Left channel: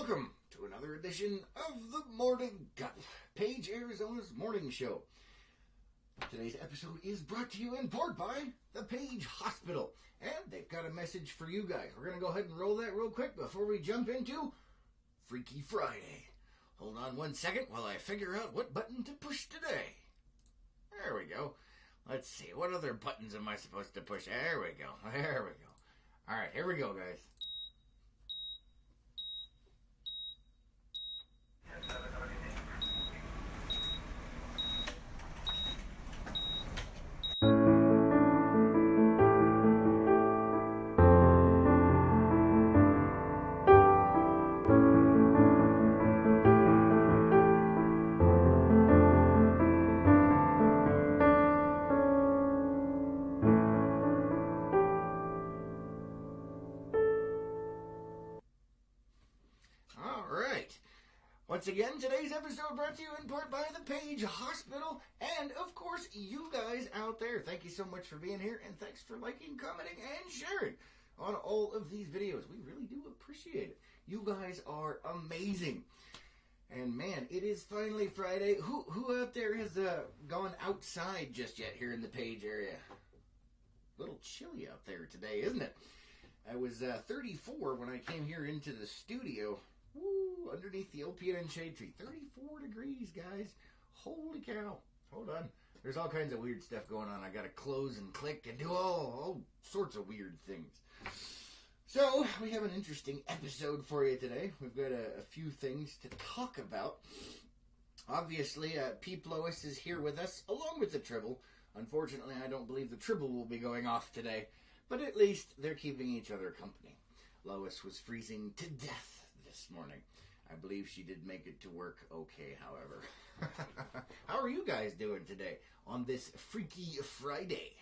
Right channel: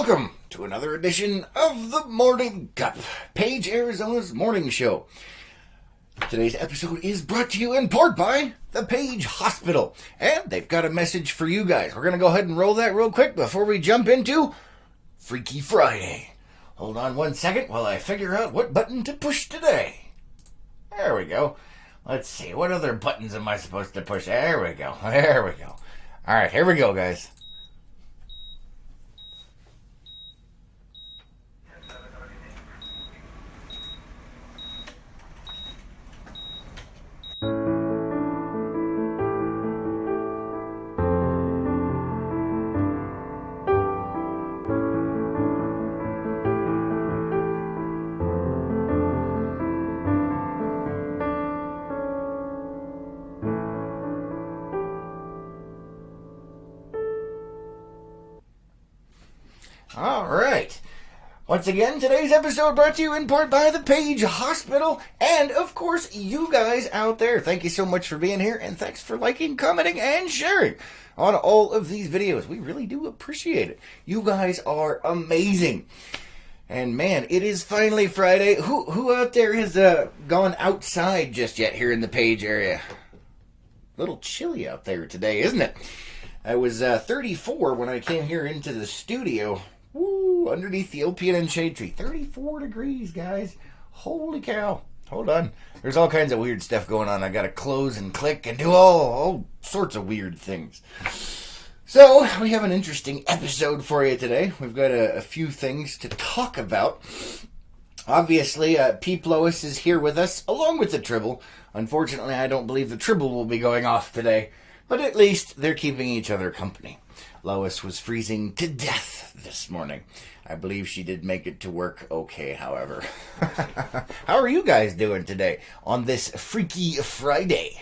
Welcome to another edition of the Morning Cup, Page, Arizona's morning show. Today's episode is brought to you in part by the Page Hospital, and they've got a message for you guys. We're going to go ahead and roll that real quick before we jump into Freaky Friday. Hold on one second while I figure out what button to push today. There we go. Let's see, what other buttons am I supposed to push? There we go. All right, here we go, guys. All right. Once again, today's episode brought to you in part by the Page Hospital and, of course, you guys out there. Thank you so much for being here, and thanks for liking, commenting, and sharing on all of these videos. We really do appreciate it. You guys are amazing. And, man, it is finally Friday. Who out there has gone outside just yet here in the Page area? A little chilly out there today, isn't it? I was 34 when I came here into the studio. Woo, underneath the opium and shade tree. 34 degrees, guys. Holy cow. Hold on. There's all kinds of weird stuff going on. I got to close and click and do all sorts of weird things. So, we have an interesting episode for you today. We've got a few things to talk about. Obviously, Peep Lois is here with us, along with the Tribble. Unfortunately, I don't believe the Tribble will be going off today. But at least they're keeping each other company. Lois was freezing to death this morning. I believe she did make it to work okay, however. How are you guys doing today on this Freaky Friday?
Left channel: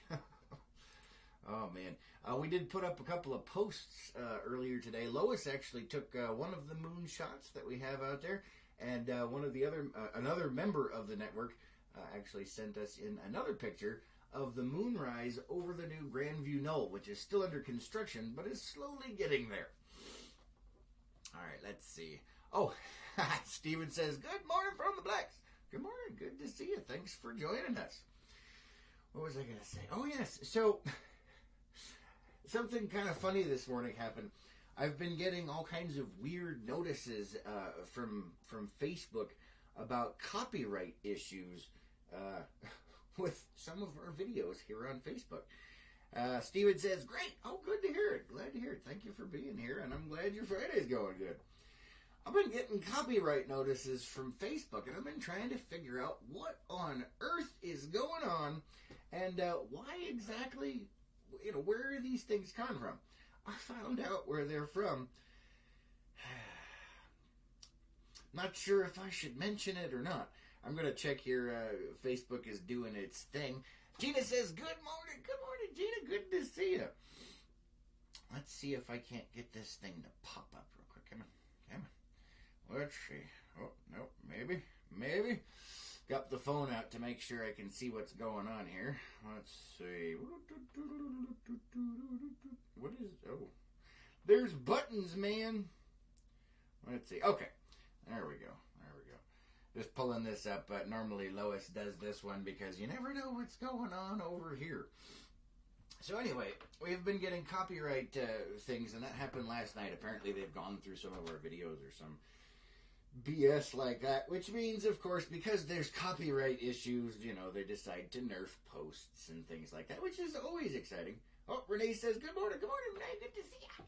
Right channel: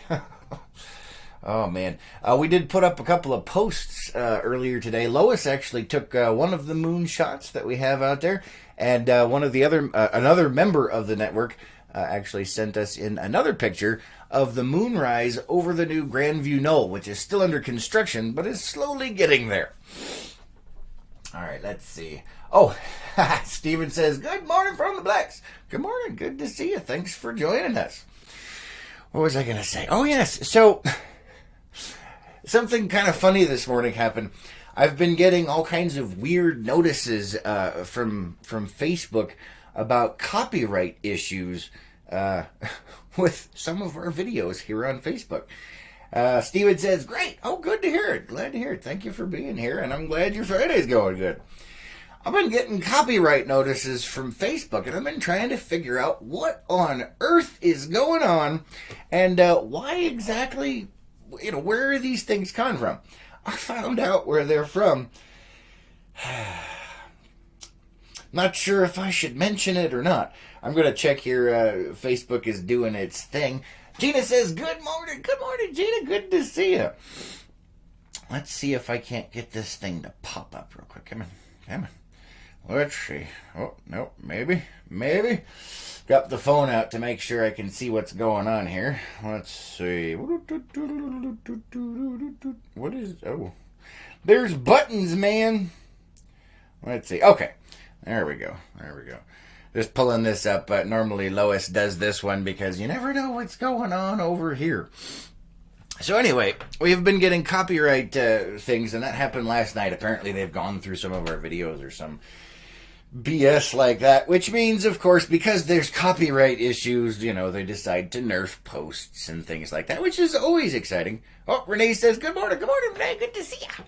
Oh, man. We did put up a couple of posts earlier today. Lois actually took one of the moon shots that we have out there, and one of the other, another member of the network actually sent us in another picture of the moonrise over the new Grandview Knoll, which is still under construction, but is slowly getting there. All right, let's see. Oh, Steven says, good morning from the Blacks. Good morning. Good to see you. Thanks for joining us. What was I going to say? Oh, yes. So, something kind of funny this morning happened. I've been getting all kinds of weird notices from Facebook about copyright issues with some of our videos here on Facebook. Steven says, great. Oh, good to hear it. Glad to hear it. Thank you for being here, and I'm glad your Friday's going good. I've been getting copyright notices from Facebook, and I've been trying to figure out what on earth is going on and why exactly, where are these things coming from? I found out where they're from. Not sure if I should mention it or not. I'm going to check here. Facebook is doing its thing. Gina says, good morning. Good morning, Gina. Good to see you. Let's see if I can't get this thing to pop up real quick. Come on. Let's see. Oh, no, maybe. Got the phone out to make sure I can see what's going on here. Let's see. What is... Oh, there's buttons, man. Let's see. Okay. There we go. Just pulling this up. Normally Lois does this one because you never know what's going on over here. So anyway, we've been getting copyright things, and that happened last night. Apparently they've gone through some of our videos or some BS like that, which means, of course, because there's copyright issues, they decide to nerf posts and things like that, which is always exciting. Oh, Renee says, good morning, Renee. Good to see you.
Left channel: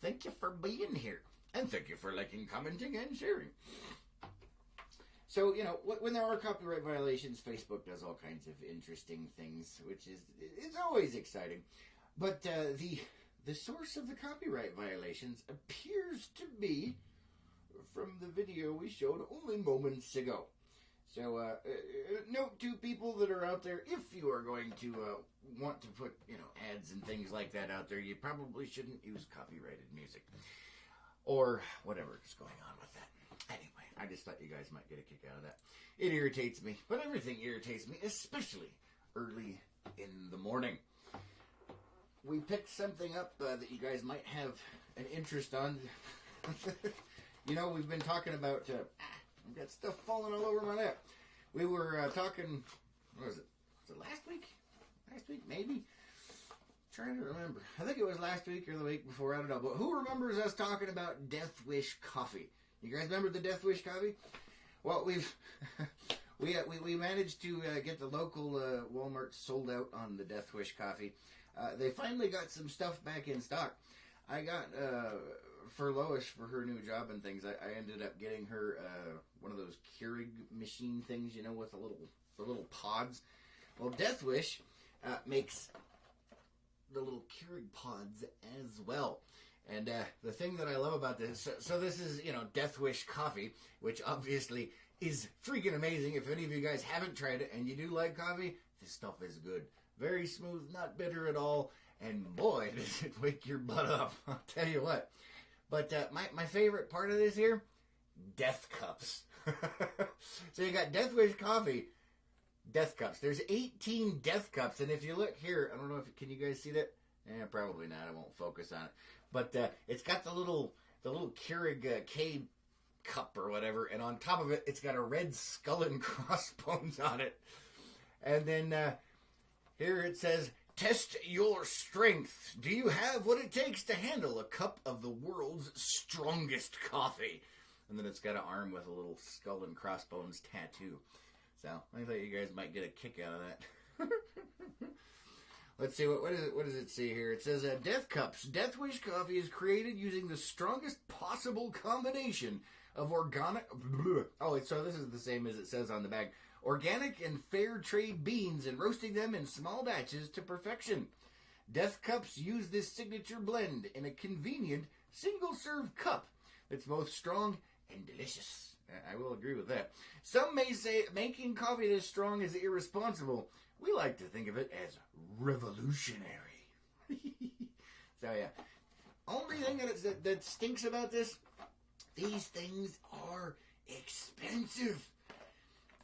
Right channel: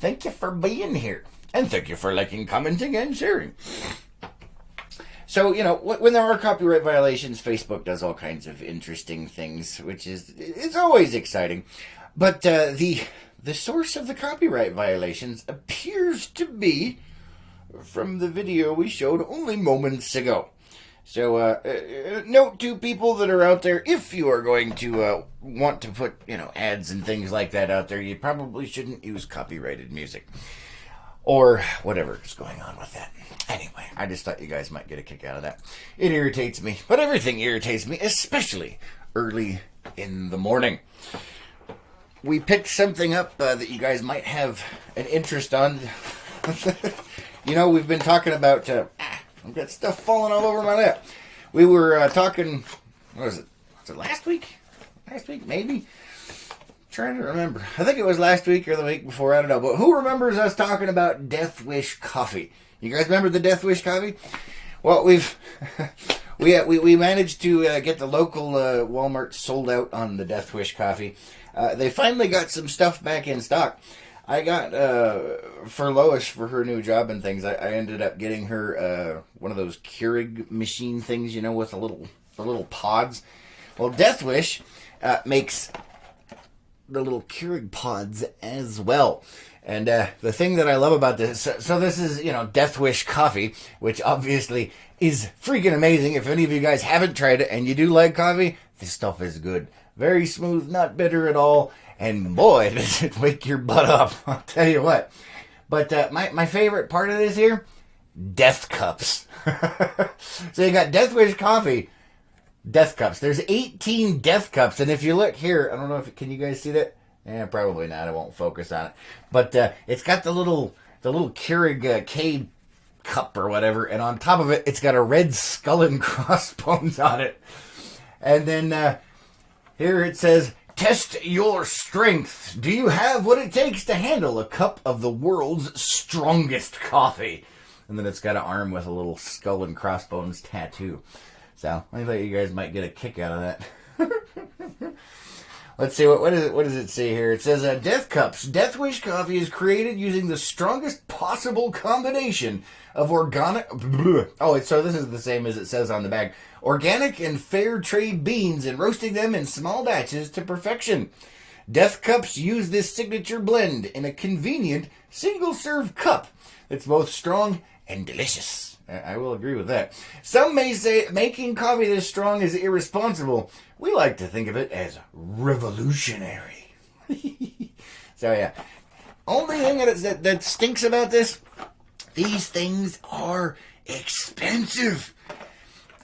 Thank you for being here. And thank you for liking, commenting, and sharing. So, when there are copyright violations, Facebook does all kinds of interesting things, which it's always exciting. But the source of the copyright violations appears to be from the video we showed only moments ago. So, note to people that are out there, if you are going to want to put, ads and things like that out there, you probably shouldn't use copyrighted music. Or whatever is going on with that. Anyway, I just thought you guys might get a kick out of that. It irritates me, but everything irritates me, especially early in the morning. We picked something up that you guys might have an interest on. You know, we've been talking about... I've got stuff falling all over my lap. We were talking... What was it? Was it last week? Last week, maybe? Trying to remember. I think it was last week or the week before. I don't know. But who remembers us talking about Death Wish coffee? You guys remember the Death Wish coffee? Well, we managed to get the local Walmart sold out on the Death Wish coffee. They finally got some stuff back in stock. I got for Lois for her new job and things. I ended up getting her one of those Keurig machine things, you know, with the little pods. Well, Death Wish makes the little Keurig pods as well. And the thing that I love about this, so this is, you know, Death Wish coffee, which obviously is freaking amazing. If any of you guys haven't tried it and you do like coffee, this stuff is good. Very smooth, not bitter at all. And boy, does it wake your butt up. I'll tell you what. But my favorite part of this here, death cups. So you got Death Wish coffee, death cups. There's 18 death cups. And if you look here, I don't know if, can you guys see that? Yeah, probably not. I won't focus on it. But it's got the little Keurig K cup or whatever. And on top of it, it's got a red skull and crossbones on it. And then here it says, test your strength. Do you have what it takes to handle a cup of the world's strongest coffee? And then it's got an arm with a little skull and crossbones tattoo. So I thought you guys might get a kick out of that. Let's see, what does it say here? It says, Death Cups. Death Wish coffee is created using the strongest possible combination of organic... Oh, so this is the same as it says on the bag. Organic and fair trade beans and roasting them in small batches to perfection. Death Cups use this signature blend in a convenient single-serve cup that's both strong and delicious. I will agree with that. Some may say making coffee this strong is irresponsible. We like to think of it as revolutionary. So yeah. Only thing that stinks about this, these things are expensive.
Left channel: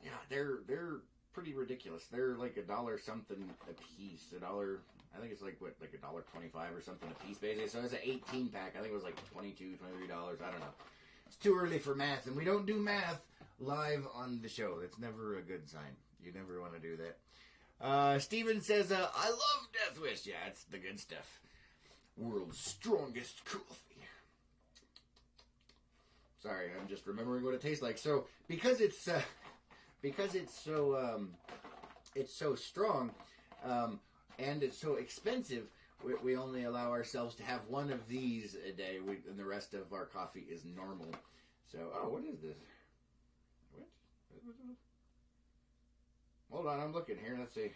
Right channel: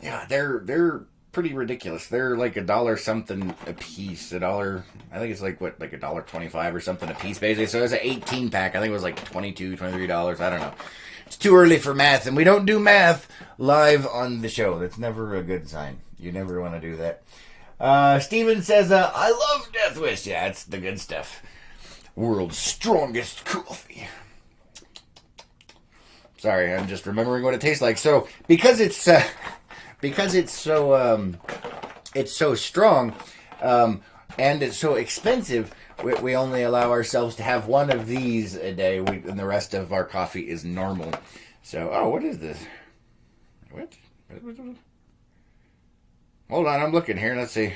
Yeah, they're pretty ridiculous. They're like $1 something a piece. $1, I think it's like $1.25 or something a piece basically. So it's an 18 pack. I think it was like $22, $23. I don't know. It's too early for math, and we don't do math live on the show. That's never a good sign. You never want to do that. Steven says, I love Death Wish. Yeah, it's the good stuff. World's strongest coffee. Sorry, I'm just remembering what it tastes like. So, because it's so strong, and it's so expensive, we only allow ourselves to have one of these a day, and the rest of our coffee is normal. So, what is this? What? Hold on, I'm looking here. Let's see.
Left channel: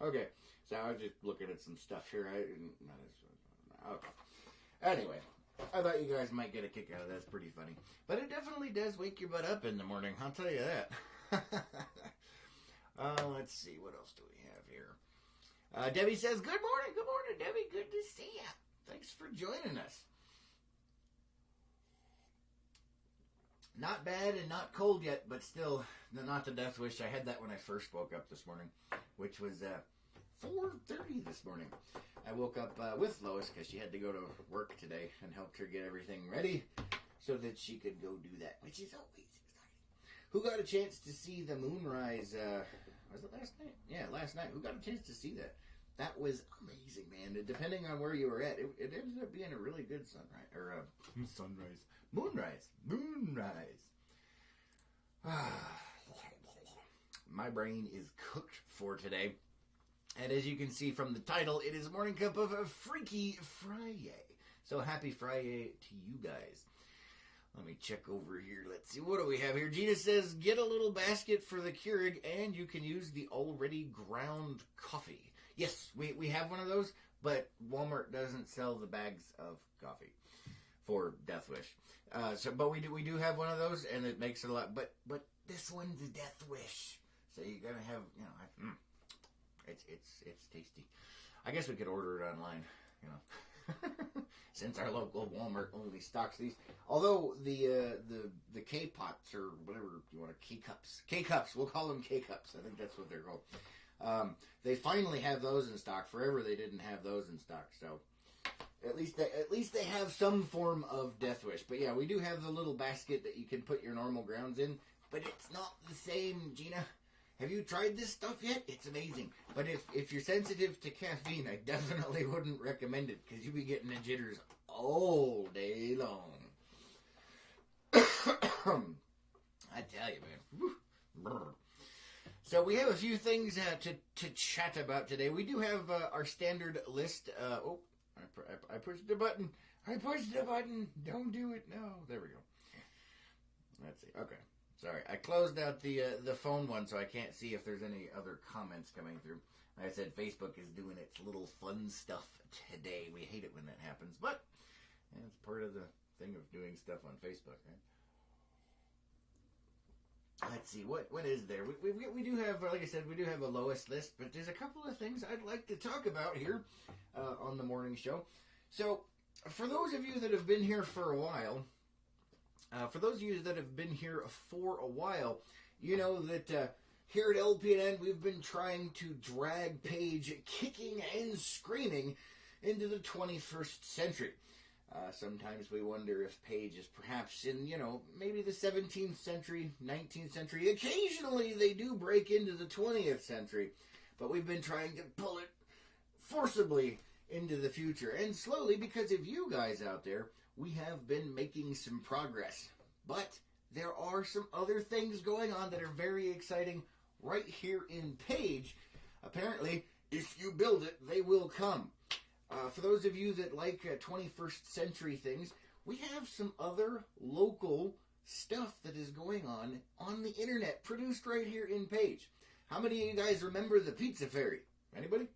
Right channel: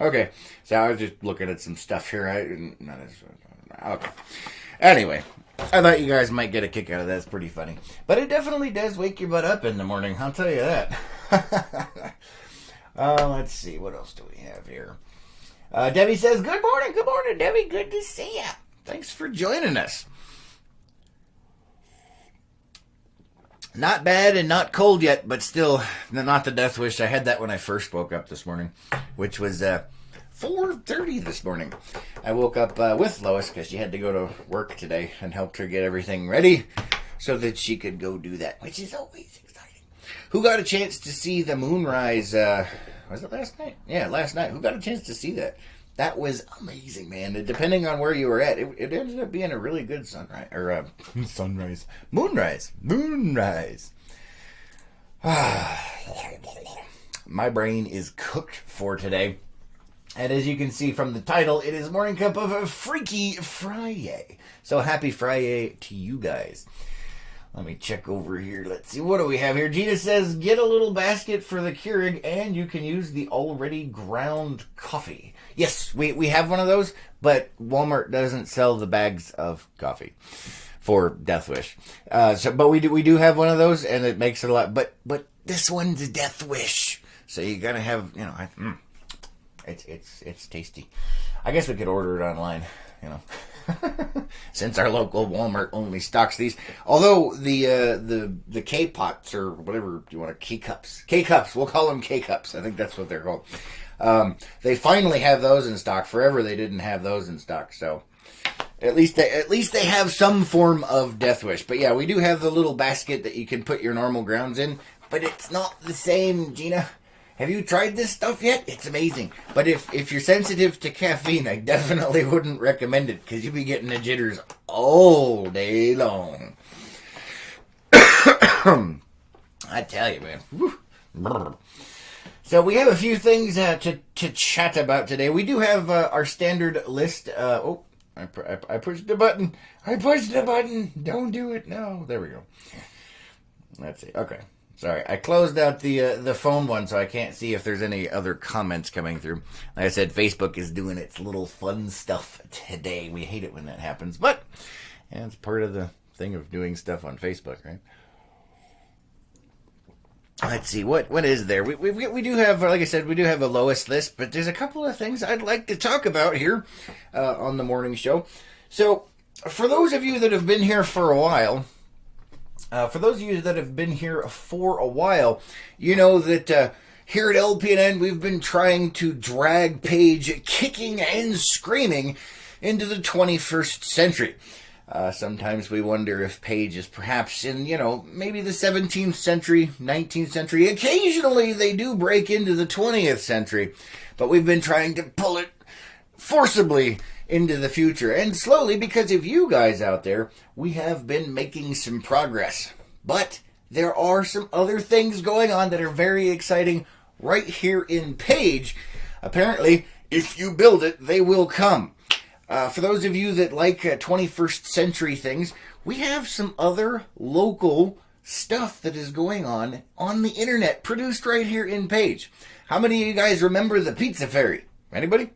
Okay, so I was just looking at some stuff here. Okay. Anyway, I thought you guys might get a kick out of that. It's pretty funny. But it definitely does wake your butt up in the morning, I'll tell you that. Let's see, what else do we have here? Debbie says, good morning, Debbie. Good to see you. Thanks for joining us. Not bad and not cold yet, but still not the Death Wish. I had that when I first woke up this morning, which was 4:30 this morning. I woke up with Lois because she had to go to work today and helped her get everything ready so that she could go do that, which is always exciting. Who got a chance to see the moonrise? Was it last night? Yeah, last night. Who got a chance to see that? That was amazing, man. And depending on where you were at, it ended up being a really good sunrise. Or sunrise. Moonrise. My brain is cooked for today. And as you can see from the title, it is Morning Cup of a Freaky Friday. So happy Friday to you guys. Let me check over here. Let's see. What do we have here? Gina says, get a little basket for the Keurig and you can use the already ground coffee. Yes, we have one of those, but Walmart doesn't sell the bags of coffee for Death Wish. But we do have one of those, and it makes it a lot. But this one's Death Wish, so you gotta have, you know, it's tasty. I guess we could order it online, you know, since our local Walmart only stocks these. Although the K pots or whatever you want, K cups, we'll call them K cups. I think that's what they're called. They finally have those in stock. Forever they didn't have those in stock, so At least they have some form of death wish. But yeah, we do have the little basket that you can put your normal grounds in, but it's not the same, Gina. Have you tried this stuff yet? It's amazing. But if you're sensitive to caffeine, I definitely wouldn't recommend it because you'll be getting the jitters all day long. I tell you, man. Woo. So we have a few things to chat about today. We do have our standard list. I pushed the button. I pushed the button. Don't do it. No. There we go. Let's see. Okay. Sorry. I closed out the phone one, so I can't see if there's any other comments coming through. Like I said, Facebook is doing its little fun stuff today. We hate it when that happens, but yeah, it's part of the thing of doing stuff on Facebook, right? Let's see, what is there? We do have, like I said, we do have a lowest list, but there's a couple of things I'd like to talk about here on the morning show. So, for those of you that have been here for a while, you know that here at LPNN, we've been trying to drag Paige kicking and screaming into the 21st century. Sometimes we wonder if Paige is perhaps in, maybe the 17th century, 19th century. Occasionally they do break into the 20th century, but we've been trying to pull it forcibly into the future. And slowly, because of you guys out there, we have been making some progress. But there are some other things going on that are very exciting right here in Paige. Apparently, if you build it, they will come. For those of you that like 21st century things, we have some other local stuff that is going on the internet, produced right here in Paige. How many of you guys remember the Pizza Fairy? Anybody?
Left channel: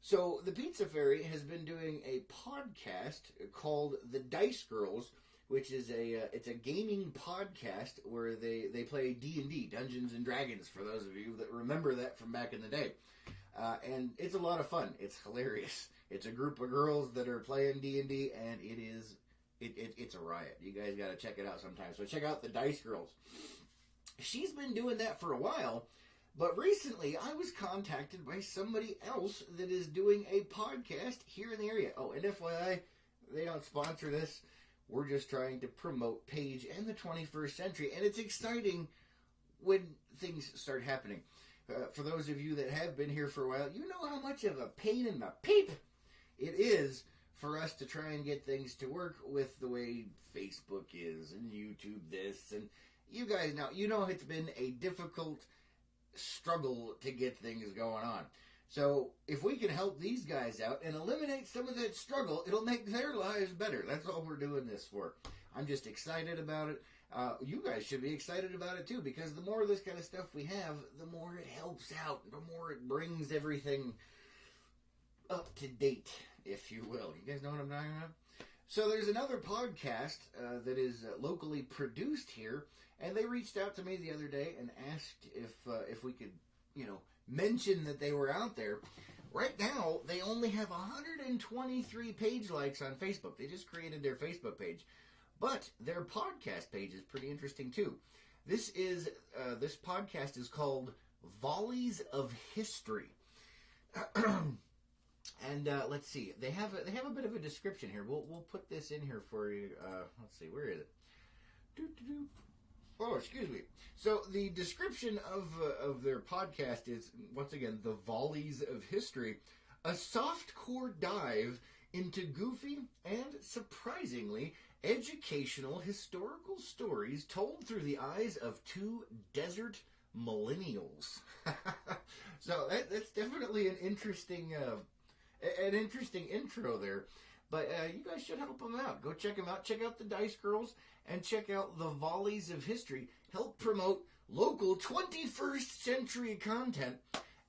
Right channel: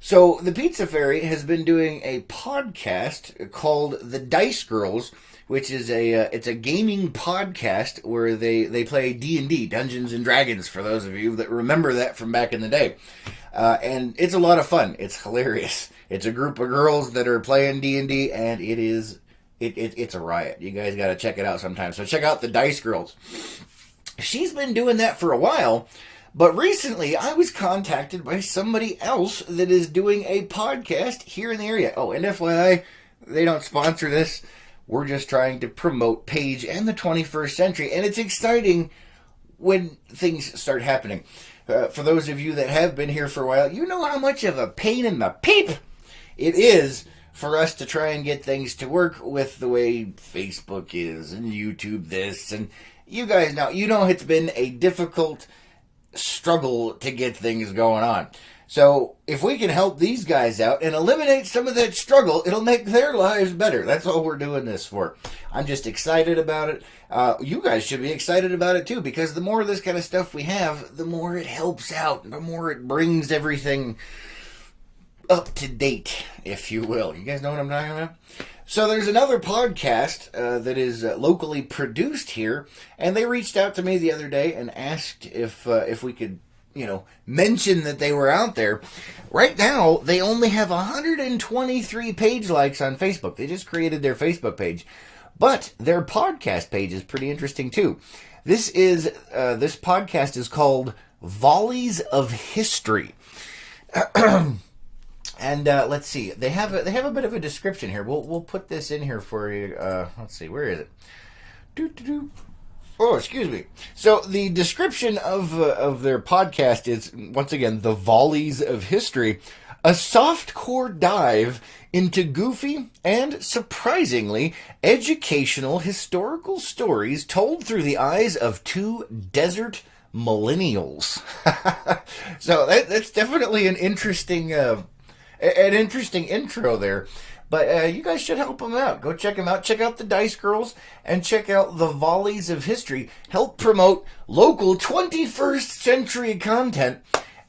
So the Pizza Fairy has been doing a podcast called The Dice Girls, which is it's a gaming podcast where they play D&D, Dungeons and Dragons, for those of you that remember that from back in the day. And it's a lot of fun. It's hilarious. It's a group of girls that are playing D&D, and it's a riot. You guys got to check it out sometime. So check out the Dice Girls. She's been doing that for a while, but recently I was contacted by somebody else that is doing a podcast here in the area. Oh, and FYI, they don't sponsor this. We're just trying to promote Paige and the 21st century, and it's exciting when things start happening. For those of you that have been here for a while, you know how much of a pain in the peep it is for us to try and get things to work with the way Facebook is and YouTube this. And you guys know, it's been a difficult struggle to get things going on. So if we can help these guys out and eliminate some of that struggle, it'll make their lives better. That's all we're doing this for. I'm just excited about it. You guys should be excited about it too, because the more of this kind of stuff we have, the more it helps out, the more it brings everything up to date, if you will. You guys know what I'm talking about? So there's another podcast that is locally produced here, and they reached out to me the other day and asked if we could, mention that they were out there. Right now, they only have 123 page likes on Facebook. They just created their Facebook page. But their podcast page is pretty interesting too. This podcast is called Volleys of History. And let's see. They have a bit of a description here. We'll put this in here for you. Let's see. Where is it? Oh, excuse me. So the description of their podcast is, once again, The Volleys of History, a softcore dive into goofy and, surprisingly, educational historical stories told through the eyes of two desert millennials. So that's definitely an interesting intro there. But you guys should help them out. Go check them out. Check out the Dice Girls and check out the Volleys of History. Help promote local 21st century content.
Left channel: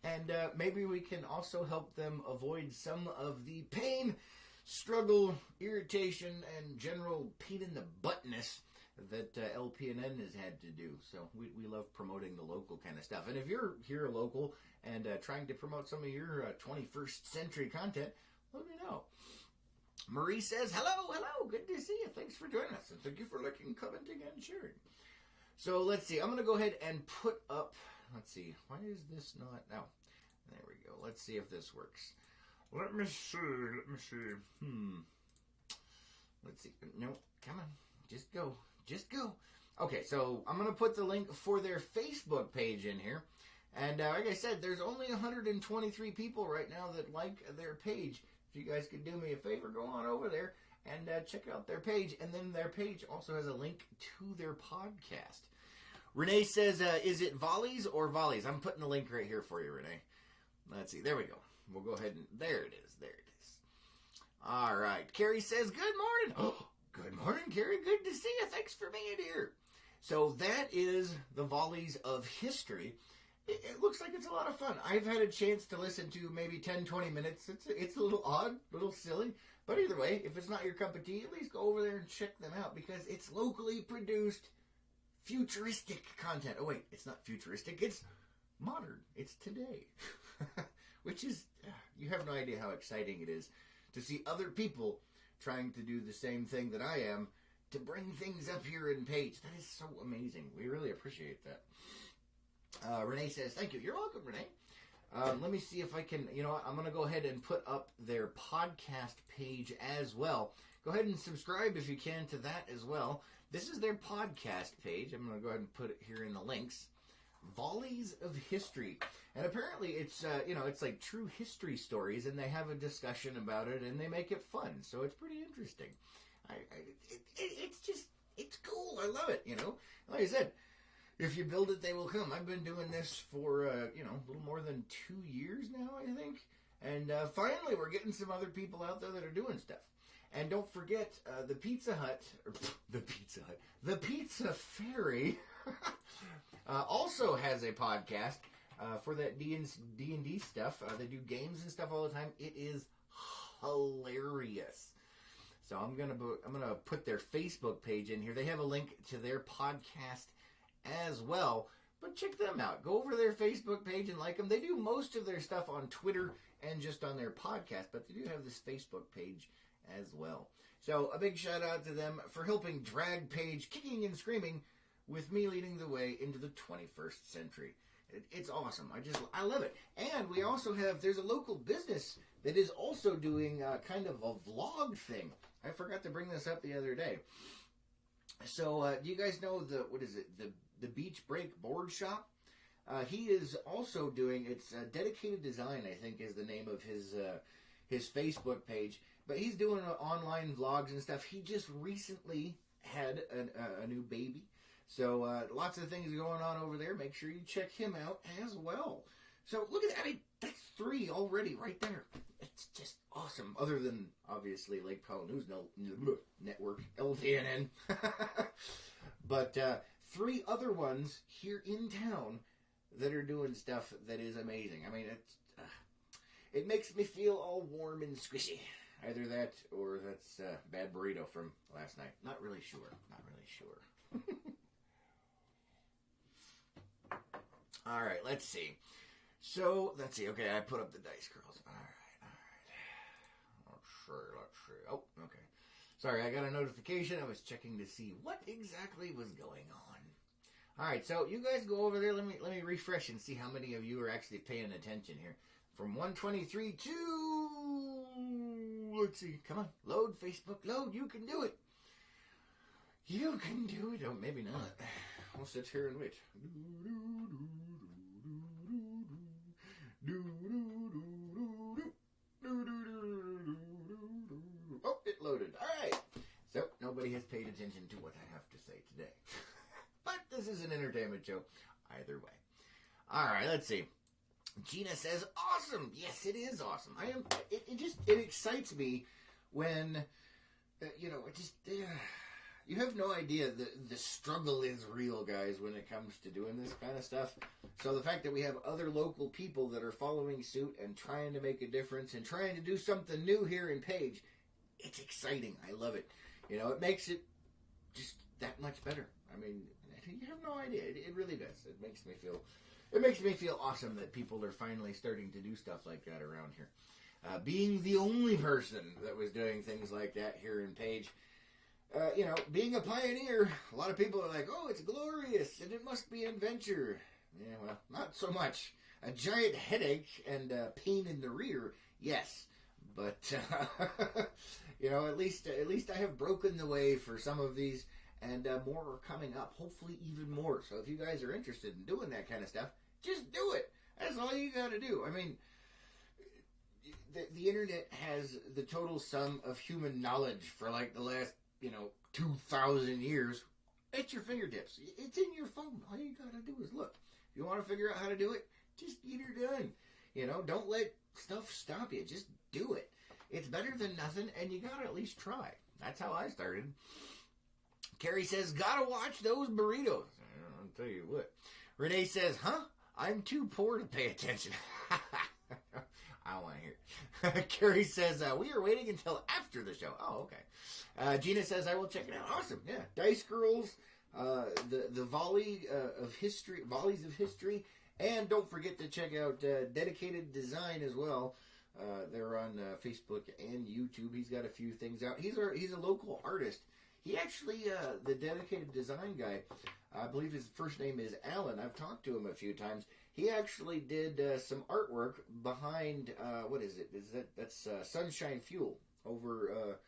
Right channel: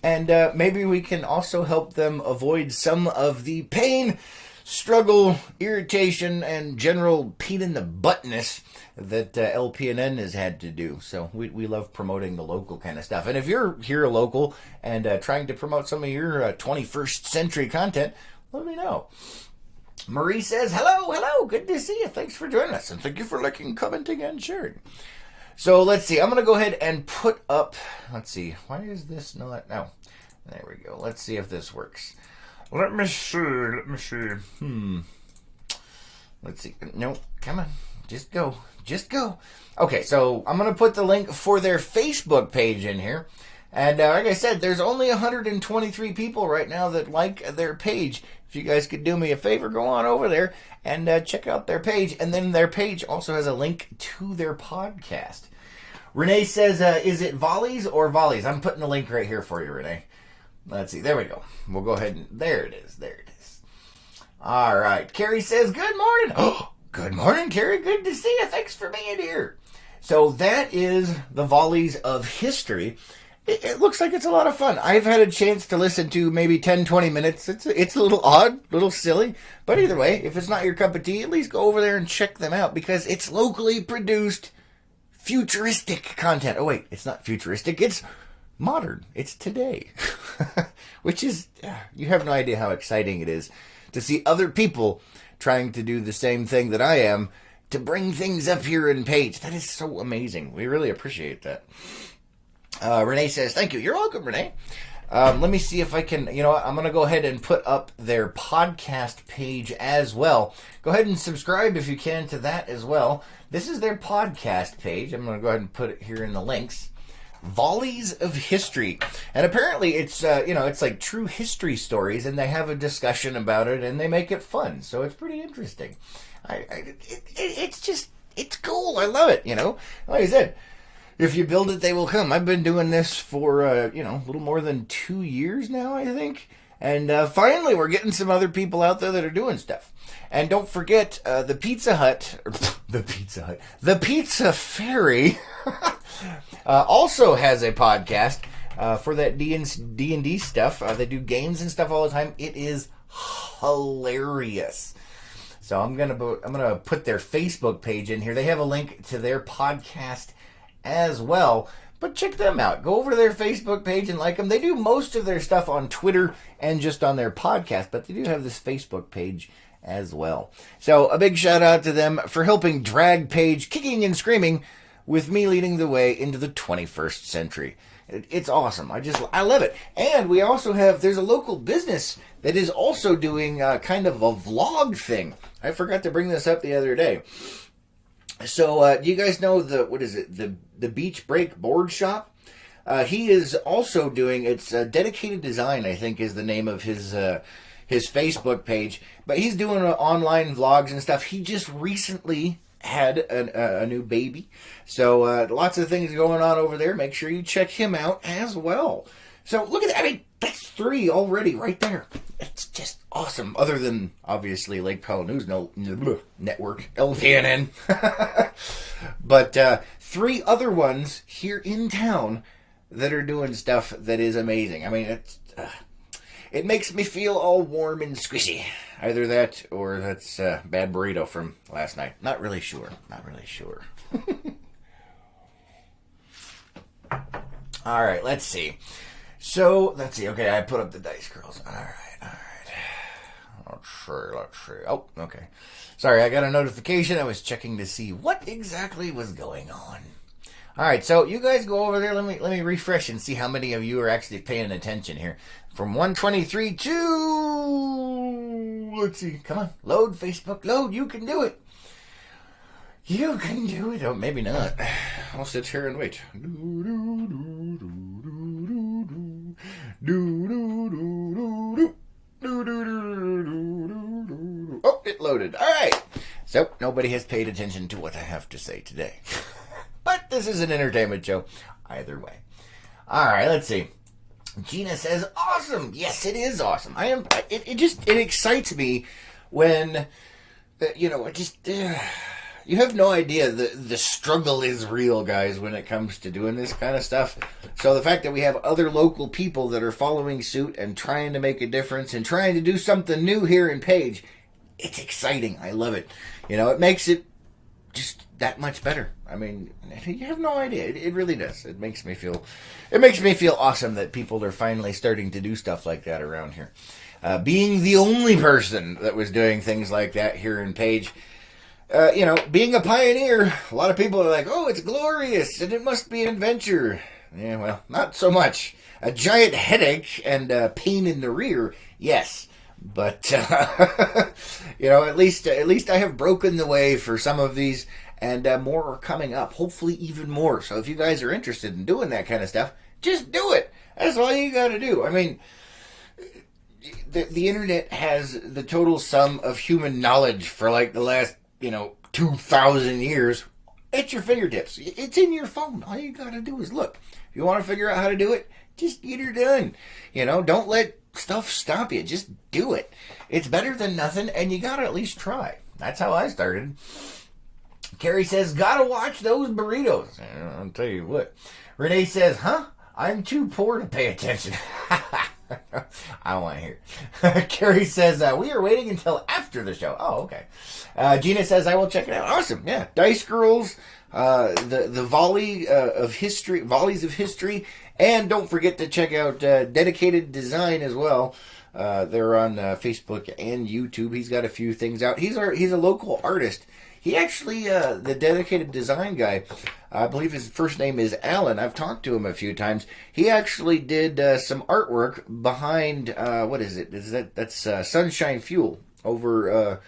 And maybe we can also help them avoid some of the pain, struggle, irritation, and general pain in the buttness that LPNN has had to do. So we love promoting the local kind of stuff. And if you're here local and trying to promote some of your 21st century content, let me know. Marie says, hello, good to see you. Thanks for joining us, and thank you for liking, commenting, and sharing. So let's see. I'm going to go ahead and put up, let's see. Why is this not, no. There we go. Let's see if this works. Let me see. Let's see. No, come on. Just go. Okay, so I'm going to put the link for their Facebook page in here. And like I said, there's only 123 people right now that like their page. If you guys could do me a favor, go on over there and check out their page. And then their page also has a link to their podcast. Renee says, is it volleys or volleys? I'm putting the link right here for you, Renee. Let's see. There we go. We'll go ahead and... There it is. All right. Carrie says, good morning. Oh, good morning, Carrie. Good to see you. Thanks for being here. So that is the Volleys of History. It looks like it's a lot of fun. I've had a chance to listen to maybe 10, 20 minutes. It's a little odd, a little silly. But either way, if it's not your cup of tea, at least go over there and check them out because it's locally produced futuristic content. Oh, wait, it's not futuristic. It's modern. It's today. Which is, you have no idea how exciting it is to see other people trying to do the same thing that I am to bring things up here in page. That is so amazing. We really appreciate that. Renee says, thank you. You're welcome, Renee. Let me see if I can, I'm going to go ahead and put up their podcast page as well. Go ahead and subscribe if you can to that as well. This is their podcast page. I'm going to go ahead and put it here in the links. Volleys of History. And apparently it's, it's like true history stories, and they have a discussion about it, and they make it fun. So it's pretty interesting. It's cool. I love it, Like I said, if you build it, they will come. I've been doing this for, a little more than 2 years now, I think. And finally, we're getting some other people out there that are doing stuff. And don't forget, the Pizza Fairy also has a podcast for that D&D stuff. They do games and stuff all the time. It is hilarious. So I'm gonna put their Facebook page in here. They have a link to their podcast as well. But check them out. Go over to their Facebook page and like them. They do most of their stuff on Twitter and just on their podcast, but they do have this Facebook page as well. So a big shout out to them for helping drag Page kicking and screaming with me leading the way into the 21st century. It's awesome. I love it. And we also there's a local business that is also doing kind of a vlog thing. I forgot to bring this up the other day. So, do you guys know the Beach Break Board Shop? He is also doing, it's Dedicated Design, I think is the name of his Facebook page. But he's doing online vlogs and stuff. He just recently had a new baby. So, lots of things going on over there. Make sure you check him out as well. So, look at that. I mean, that's 3 already right there. It's just awesome. Other than, obviously, Lake Powell News Network, LTNN. But 3 other ones here in town that are doing stuff that is amazing. I mean, it makes me feel all warm and squishy. Either that or that's bad burrito from last night. Not really sure. All right, let's see. So, let's see. Okay, I put up the dice, girls. All right. Let's see. Oh, okay. Sorry, I got a notification. I was checking to see what exactly was going on. All right, so you guys go over there. Let me refresh and see how many of you are actually paying attention here. From 123 to... Let's see. Come on. Load, Facebook. Load. You can do it. You can do it. Oh, maybe not. I'll sit here and wait. Oh, it loaded. All right. So, nobody has paid attention to what I have to say today. But this is an entertainment show. Either way. All right, let's see. Gina says, awesome. Yes, it is awesome. It excites me when, you have no idea. The struggle is real, guys, when it comes to doing this kind of stuff. So the fact that we have other local people that are following suit and trying to make a difference and trying to do something new here in Page, it's exciting. I love it. It makes it just that much better. I mean, you have no idea. It really does. It makes me feel awesome that people are finally starting to do stuff like that around here. Being the only person that was doing things like that here in Page, being a pioneer, a lot of people are like, oh, it's glorious and it must be an adventure. Yeah, well, not so much. A giant headache and pain in the rear, yes. But at least I have broken the way for some of these, and more are coming up. Hopefully, even more. So if you guys are interested in doing that kind of stuff, just do it. That's all you got to do. I mean, the internet has the total sum of human knowledge for like the last 2,000 years at your fingertips. It's in your phone. All you got to do is look. If you want to figure out how to do it, just get her done. Don't let stuff stop you. Just do it. It's better than nothing, and you got to at least try. That's how I started. Carrie says, gotta watch those burritos. I'll tell you what. Renee says, huh? I'm too poor to pay attention. I don't want to hear. Carrie says, we are waiting until after the show. Oh, okay. Gina says, I will check it out. Awesome. Yeah. Dice Girls, the volleys of history. And don't forget to check out Dedicated Design as well. They're on Facebook and YouTube. He's got a few things out. He's a local artist. He actually, the Dedicated Design guy, I believe his first name is Alan. I've talked to him a few times. He actually did some artwork behind, what is it? That's Sunshine Fuel. Over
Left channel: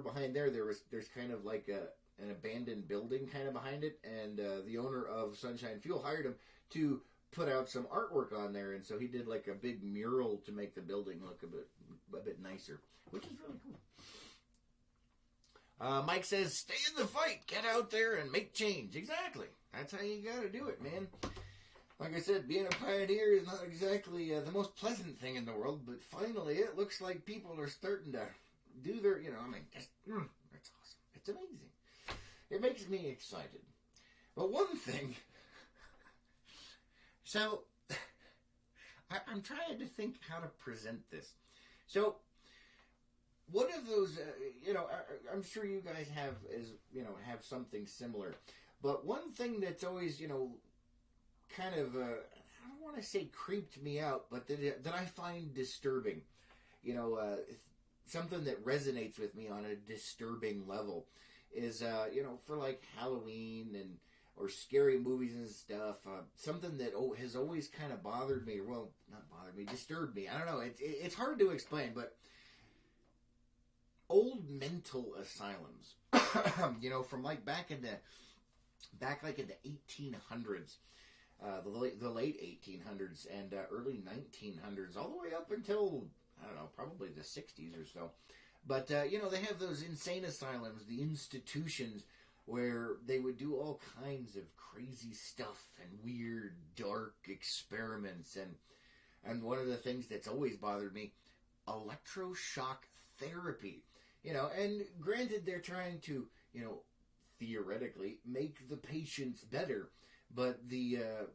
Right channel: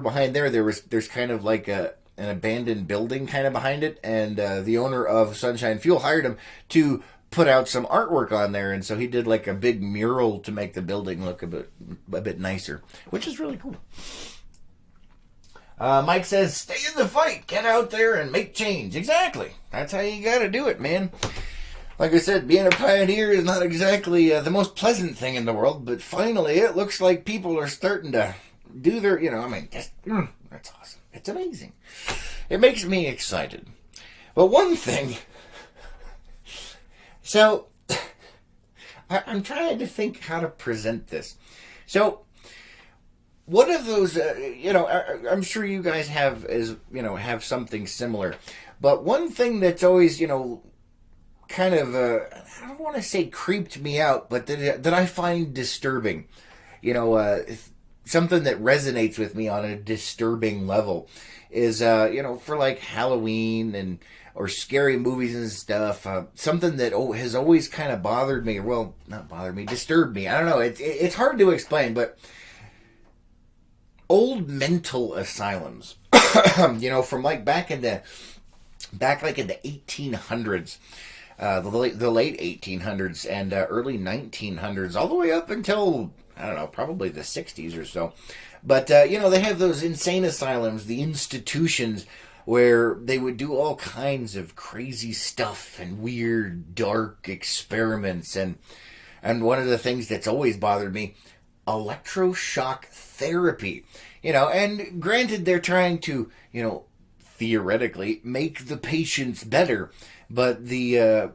behind there's kind of like an abandoned building kind of behind it, and the owner of Sunshine Fuel hired him to put out some artwork on there, and so he did like a big mural to make the building look a bit nicer, which is really cool. Mike says, stay in the fight, get out there and make change. Exactly. That's how you gotta do it, man. Like I said, being a pioneer is not exactly the most pleasant thing in the world, but finally it looks like people are starting to do their, that's awesome. It's amazing. It makes me excited. But one thing, so I'm trying to think how to present this. So, one of those, I'm sure you guys have something similar. But one thing that's always, kind of, I don't want to say creeped me out, but that I find disturbing, something that resonates with me on a disturbing level is, for like Halloween or scary movies and stuff, something that has always kind of bothered me, well, not bothered me, disturbed me. I don't know, it's hard to explain, but old mental asylums, from like back in the 1800s, the late 1800s and early 1900s, all the way up until, I don't know, probably the 60s or so. But, they have those insane asylums, the institutions, where they would do all kinds of crazy stuff and weird, dark experiments. And one of the things that's always bothered me, electroshock therapy. And granted, they're trying to, theoretically make the patients better, but the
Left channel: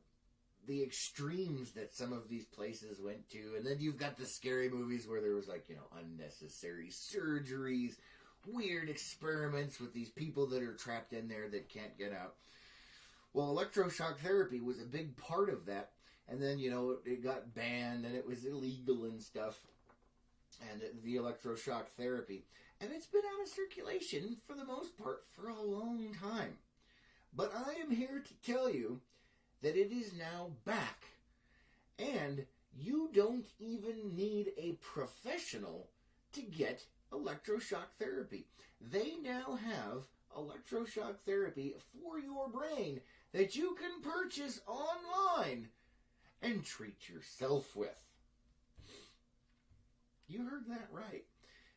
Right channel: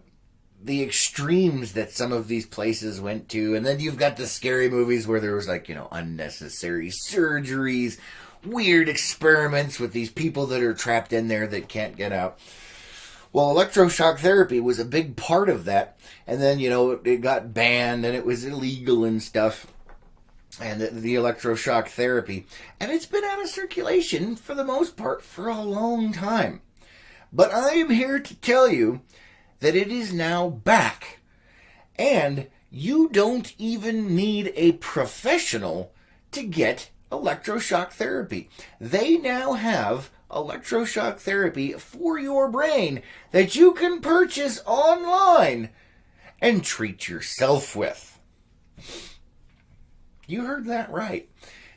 extremes that some of these places went to, and then you've got the scary movies where there was like, unnecessary surgeries, weird experiments with these people that are trapped in there that can't get out. Well, electroshock therapy was a big part of that, and then, it got banned and it was illegal and stuff. And the electroshock therapy. And it's been out of circulation, for the most part, for a long time. But I am here to tell you that it is now back. And you don't even need a professional to get electroshock therapy. They now have electroshock therapy for your brain that you can purchase online and treat yourself with. You heard that right.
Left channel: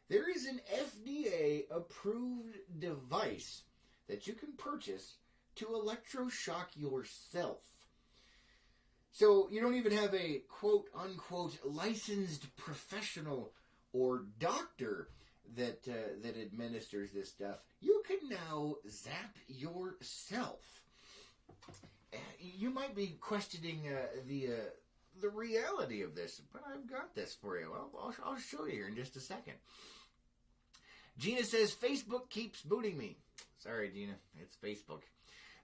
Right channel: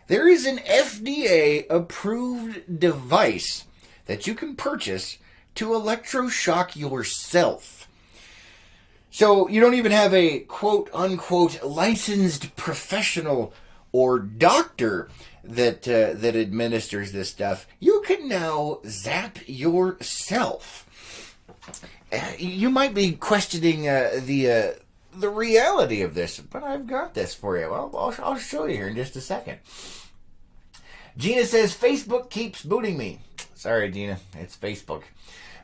There is an FDA-approved device that you can purchase to electroshock yourself. So you don't even have a quote-unquote licensed professional or doctor that administers this stuff. You can now zap yourself. You might be questioning the reality of this, but I've got this for you. Well, I'll show you here in just a second. Gina says, Facebook keeps booting me. Sorry, Gina. It's Facebook.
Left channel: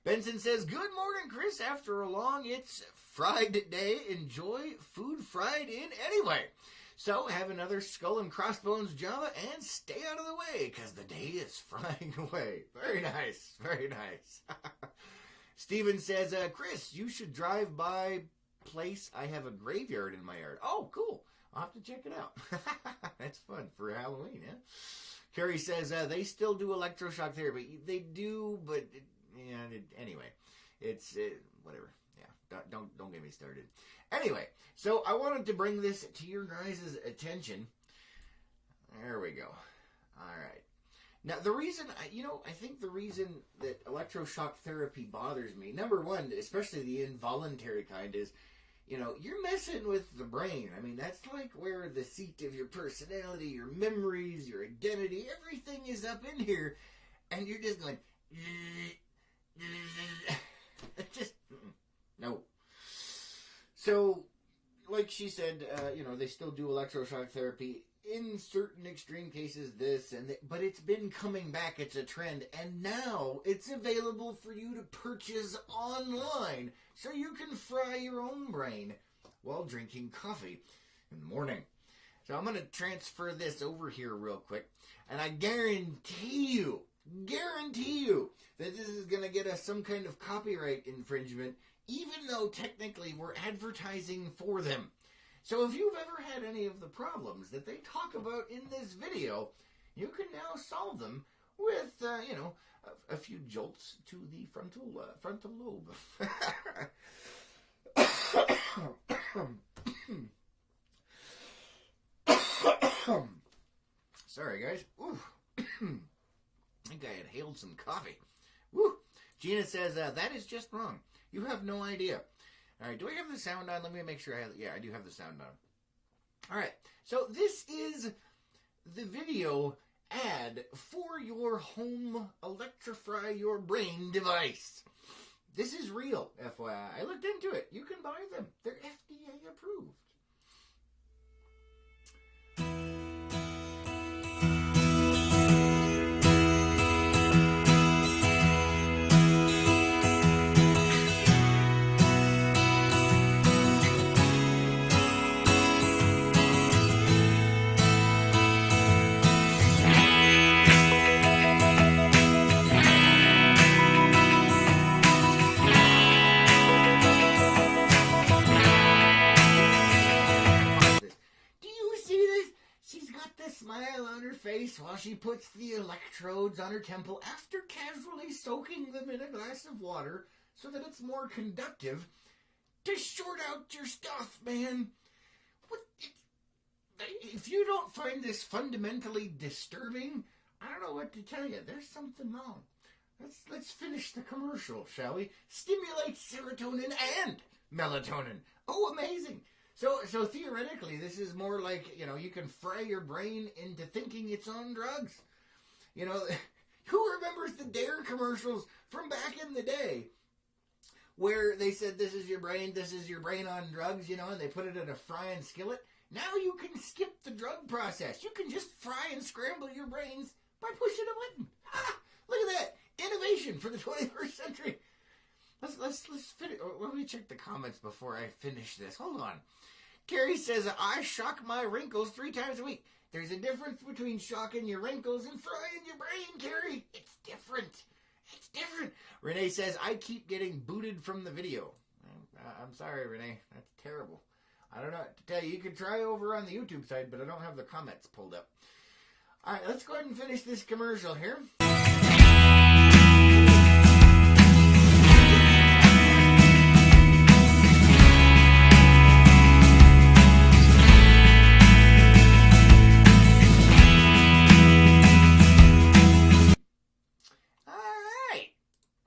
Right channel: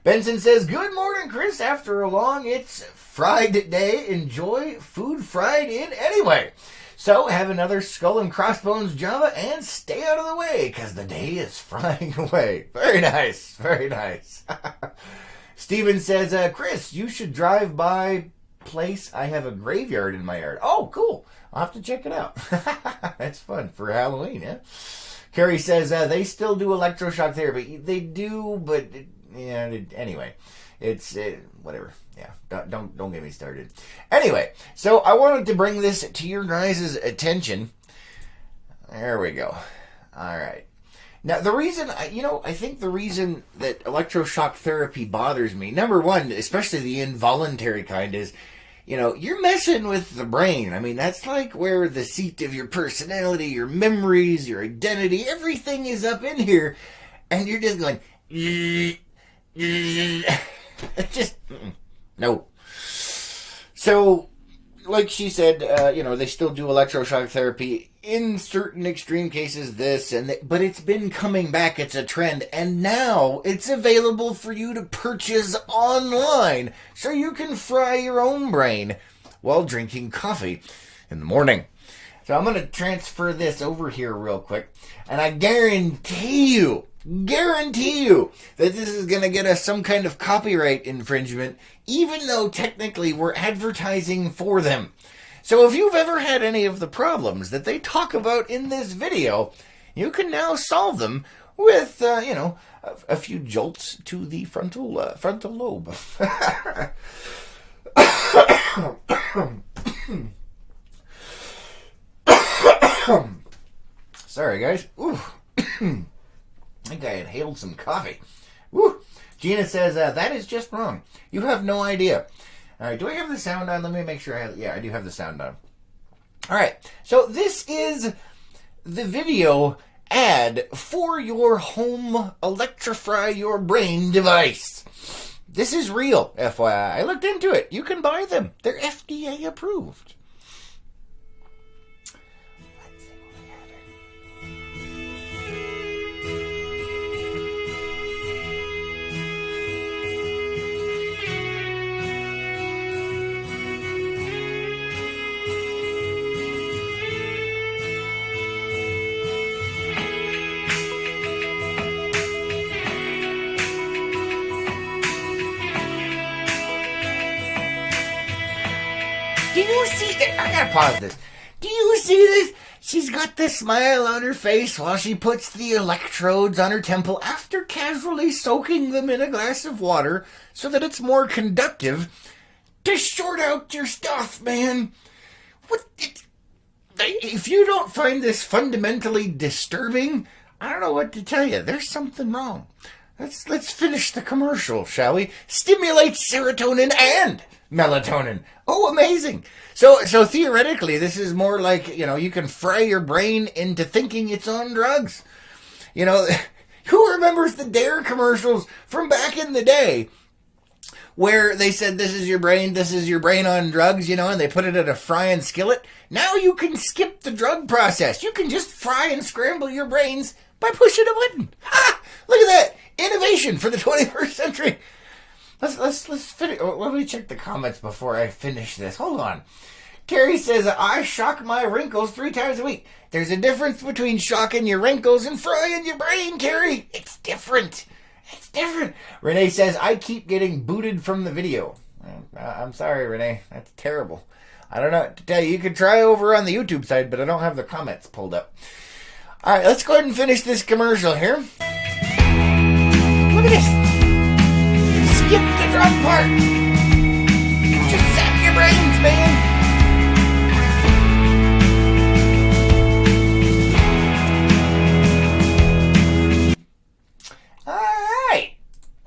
Benson says, good morning, Chris. After a long, it's fried day. Enjoy food fried in anyway. So, have another skull and crossbones Java and stay out of the way, because the day is frying away. Very nice. Very nice. Steven says, Chris, you should drive by place. I have a graveyard in my yard. Oh, cool. I'll have to check it out. That's fun for Halloween, yeah? Carrie says they still do electroshock therapy. They do, but yeah. Anyway, it's whatever. Yeah, don't get me started. Anyway, so I wanted to bring this to your guys' attention. There we go. All right. Now, the reason, I think the reason that electroshock therapy bothers me, number one, especially the involuntary kind, is, you're messing with the brain. I mean, that's like where the seat of your personality, your memories, your identity, everything is up in here, and you're just going, just, no. So, like she said, they still do electroshock therapy. In certain extreme cases, but it's been coming back. It's a trend. And now it's available for you to purchase online so you can fry your own brain while drinking coffee in the morning. So I'm going to transfer this over here real quick. And I guarantee you that this is going to get us some kind of copyright infringement, even though technically we're advertising for them. So if you've ever had any of the problems that they talk about in this video, you can now solve them with, a few jolts to the frontal lobe. Sorry, guys. Ooh. I think I inhaled some coffee. Woo. Gina says, that is just wrong. You have no idea. All right, do I have the sound on? Let me make sure I do have the sound on. All right, so this is the video ad for your home electrify your brain device. This is real, FYI. I looked into it. You can buy them. They're FDA approved. Pause this. Do you see this? She's got this smile on her face while she puts the electrodes on her temple after casually soaking them in a glass of water so that it's more conductive to short out your stuff, man. If you don't find this fundamentally disturbing, I don't know what to tell you. There's something wrong. Let's finish the commercial, shall we? Stimulates serotonin and melatonin. Oh, amazing. So theoretically, this is more like, you can fry your brain into thinking it's on drugs. Who remembers the Dare commercials from back in the day where they said, this is your brain on drugs, and they put it in a frying skillet? Now you can skip the drug process. You can just fry and scramble your brains by pushing a button. Ha! Look at that. Innovation for the 21st century. Let's finish. Let me check the comments before I finish this. Hold on. Carrie says, I shock my wrinkles 3 times a week. There's a difference between shocking your wrinkles and frying your brain, Carrie. It's different. Renee says, I keep getting booted from the video. I'm sorry, Renee. That's terrible. I don't know what to tell you. You could try over on the YouTube side, but I don't have the comments pulled up. All right, let's go ahead and finish this commercial here. Look at this. Skip the drug part. Just sap your brains, man. All right.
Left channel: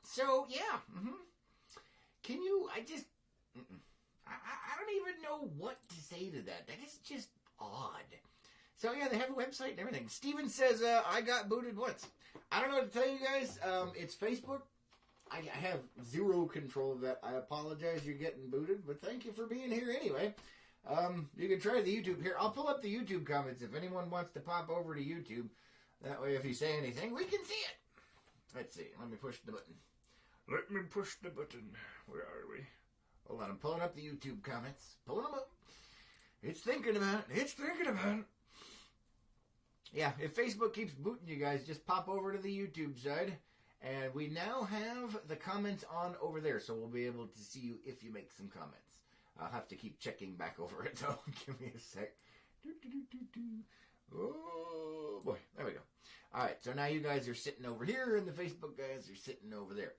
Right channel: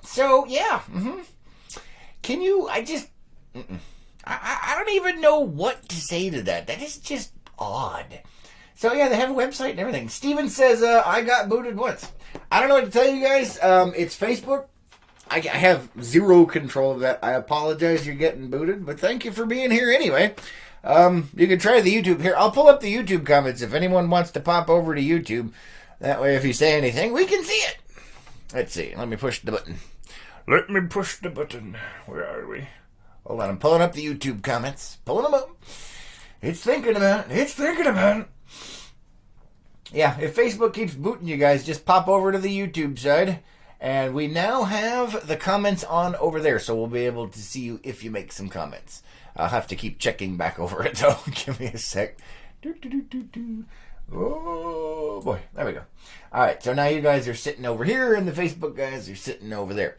So, yeah. Can you, I don't even know what to say to that. That is just odd. So, yeah, they have a website and everything. Steven says, I got booted once. I don't know what to tell you guys. It's Facebook. I have zero control of that. I apologize you're getting booted, but thank you for being here anyway. You can try the YouTube here. I'll pull up the YouTube comments if anyone wants to pop over to YouTube. That way, if you say anything, we can see it. Let's see. Let me push the button. Where are we? Hold on. I'm pulling up the YouTube comments. Pulling them up. It's thinking about it. Yeah, if Facebook keeps booting you guys, just pop over to the YouTube side. And we now have the comments on over there, so we'll be able to see you if you make some comments. I'll have to keep checking back over it, though. Give me a sec. Oh boy, there we go. All right, so now you guys are sitting over here, and the Facebook guys are sitting over there.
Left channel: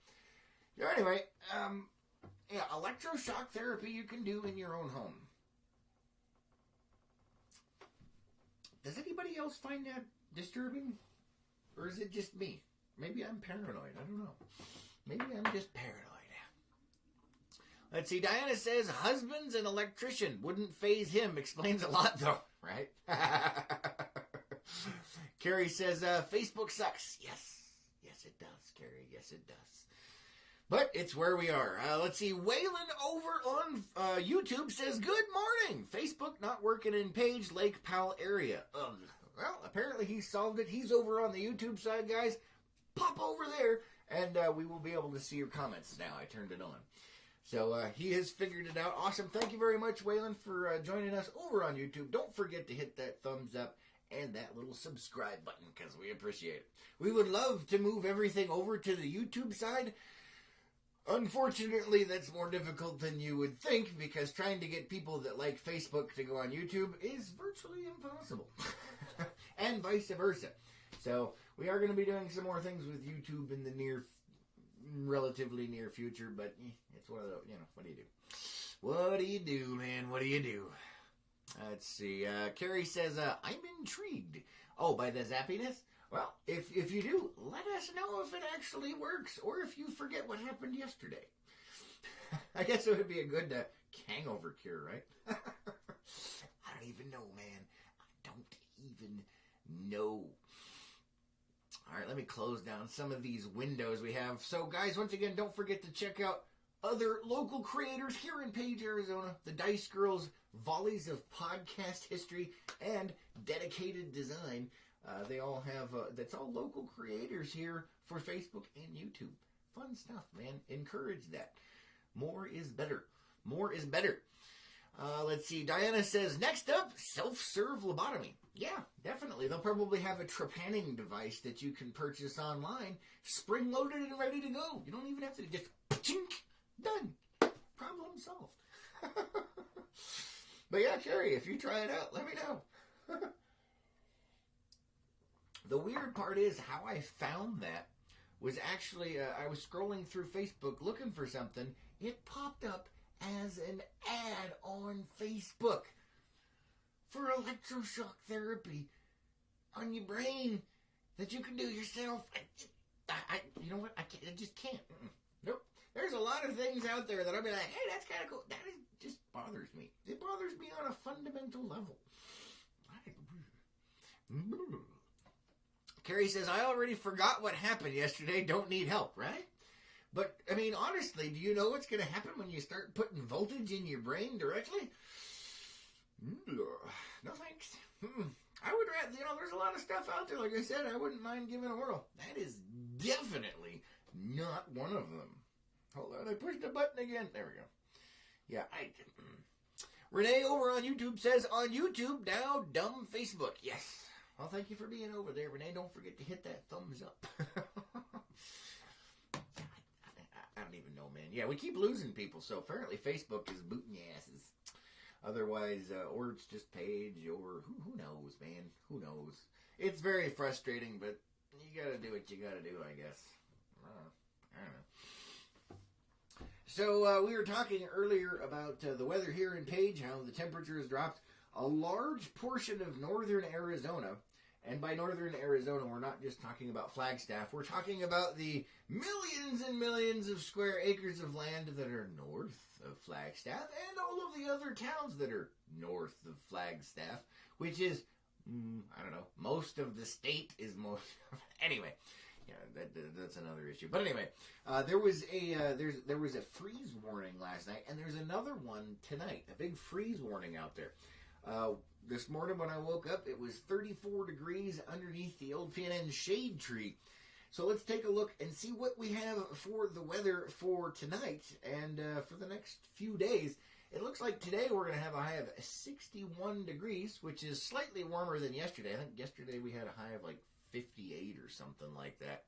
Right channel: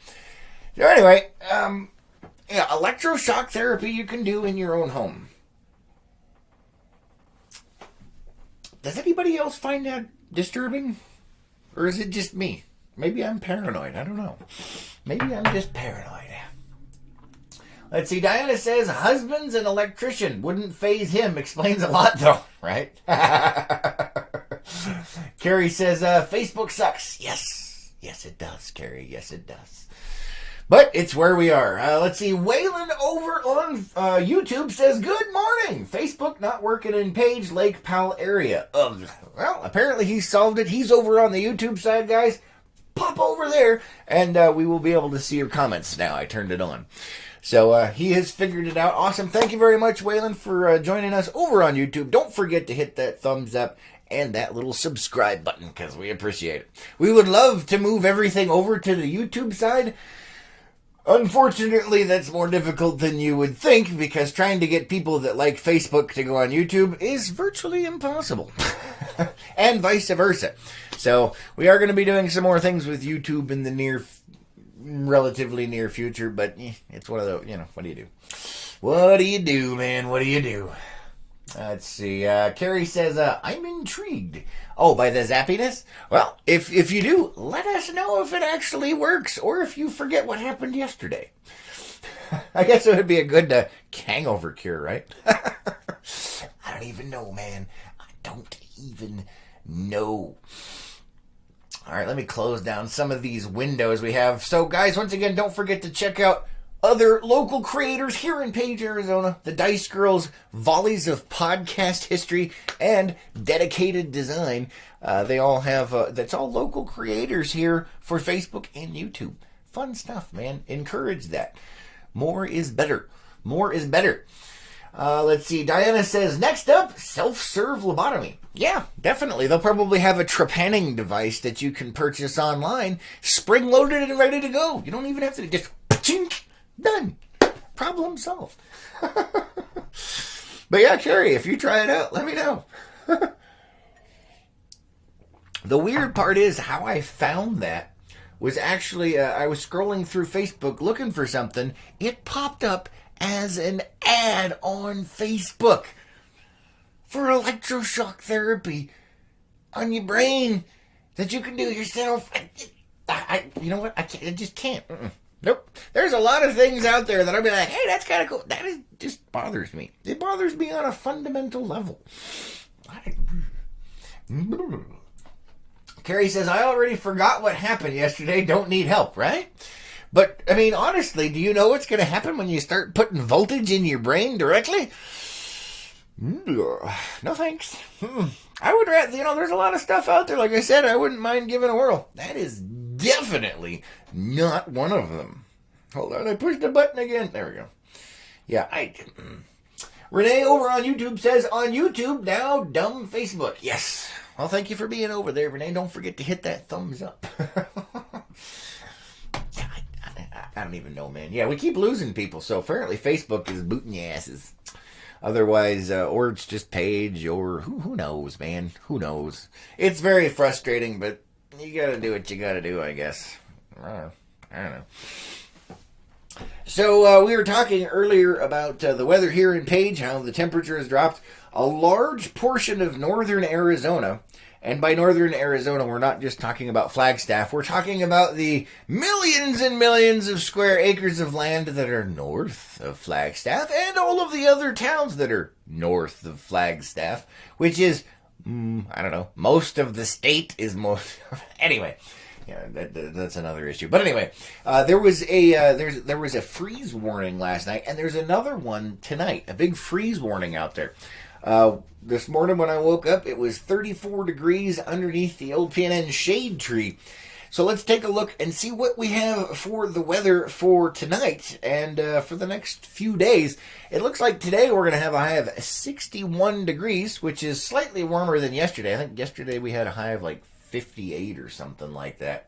So anyway, yeah, electroshock therapy you can do in your own home. Does anybody else find that disturbing? Or is it just me? Maybe I'm paranoid. I don't know. Maybe I'm just paranoid. Let's see. Diana says, husband's an electrician. Wouldn't phase him. Explains a lot, though. Right? Carrie says, Facebook sucks. Yes. Yes, it does, Carrie. Yes, it does. But it's where we are. Let's see. Waylon over on YouTube says, good morning. Facebook not working in Page Lake Powell area. Well, apparently he solved it. He's over on the YouTube side, guys. Pop over there, and we will be able to see your comments now. I turned it on. So he has figured it out. Awesome. Thank you very much, Waylon, for joining us over on YouTube. Don't forget to hit that thumbs up and that little subscribe button, because we appreciate it. We would love to move everything over to the YouTube side. Unfortunately, that's more difficult than you would think, because trying to get people that like Facebook to go on YouTube is virtually impossible. And vice versa. So we are going to be doing some more things with YouTube in the relatively near future, but it's one of those, what do you do? What do you do, man? What do you do? Let's see. Carrie says, I'm intrigued. Oh, by the zappiness? Well, if you do, let us know if it actually works, or if you forget what happened yesterday. I guess it would be a good hangover cure, right? I don't even know, man. I don't even know. All right, let me close down some of these windows we have. So, guys, once again, don't forget to check out other local creators here in Page, Arizona. The Dice Girls, Volleys of Podcast History, and Dedicated Design. They all have, that's all local creators here for Facebook and YouTube. Fun stuff, man. Encourage that. More is better. More is better. Let's see. Diana says, next up, self-serve lobotomy. Yeah, definitely. They'll probably have a trepanning device that you can purchase online, spring-loaded and ready to go. You don't even have to just chink, done. Problem solved. But yeah, Carrie, if you try it out, let me know. The weird part is how I found that was actually, I was scrolling through Facebook looking for something. It popped up as an ad on Facebook for electroshock therapy on your brain that you can do yourself. You know what? I just can't. Nope. There's a lot of things out there that I'll be like, hey, that's kind of cool. That just bothers me. It bothers me on a fundamental level. Carrie says, I already forgot what happened yesterday. Don't need help, right? But, I mean, honestly, do you know what's going to happen when you start putting voltage in your brain directly? No thanks. I would rather, there's a lot of stuff out there. Like I said, I wouldn't mind giving a whirl. That is definitely not one of them. Hold on, I pushed the button again. There we go. Yeah, Renee over on YouTube says, on YouTube, now dumb Facebook. Yes. Well, thank you for being over there, Renee. Don't forget to hit that thumbs up. I don't even know, man. Yeah, we keep losing people, so apparently Facebook is booting your asses. Otherwise, or it's just Page, or who knows, man? Who knows? It's very frustrating, but you gotta do what you gotta do, I guess. I don't know. So, we were talking earlier about the weather here in Page, how the temperature has dropped. A large portion of northern Arizona, and by northern Arizona, we're not just talking about Flagstaff, we're talking about the millions and millions of square acres of land that are north of Flagstaff, and all of the other towns that are north of Flagstaff, which is, I don't know, most of the state is most... Anyway, yeah, that's another issue. But anyway, there was a freeze warning last night, and there's another one tonight, a big freeze warning out there. This morning when I woke up, it was 34 degrees underneath the old PNN shade tree. So let's take a look and see what we have for the weather for tonight and for the next few days. It looks like today we're going to have a high of 61 degrees, which is slightly warmer than yesterday. I think yesterday we had a high of like 58 or something like that.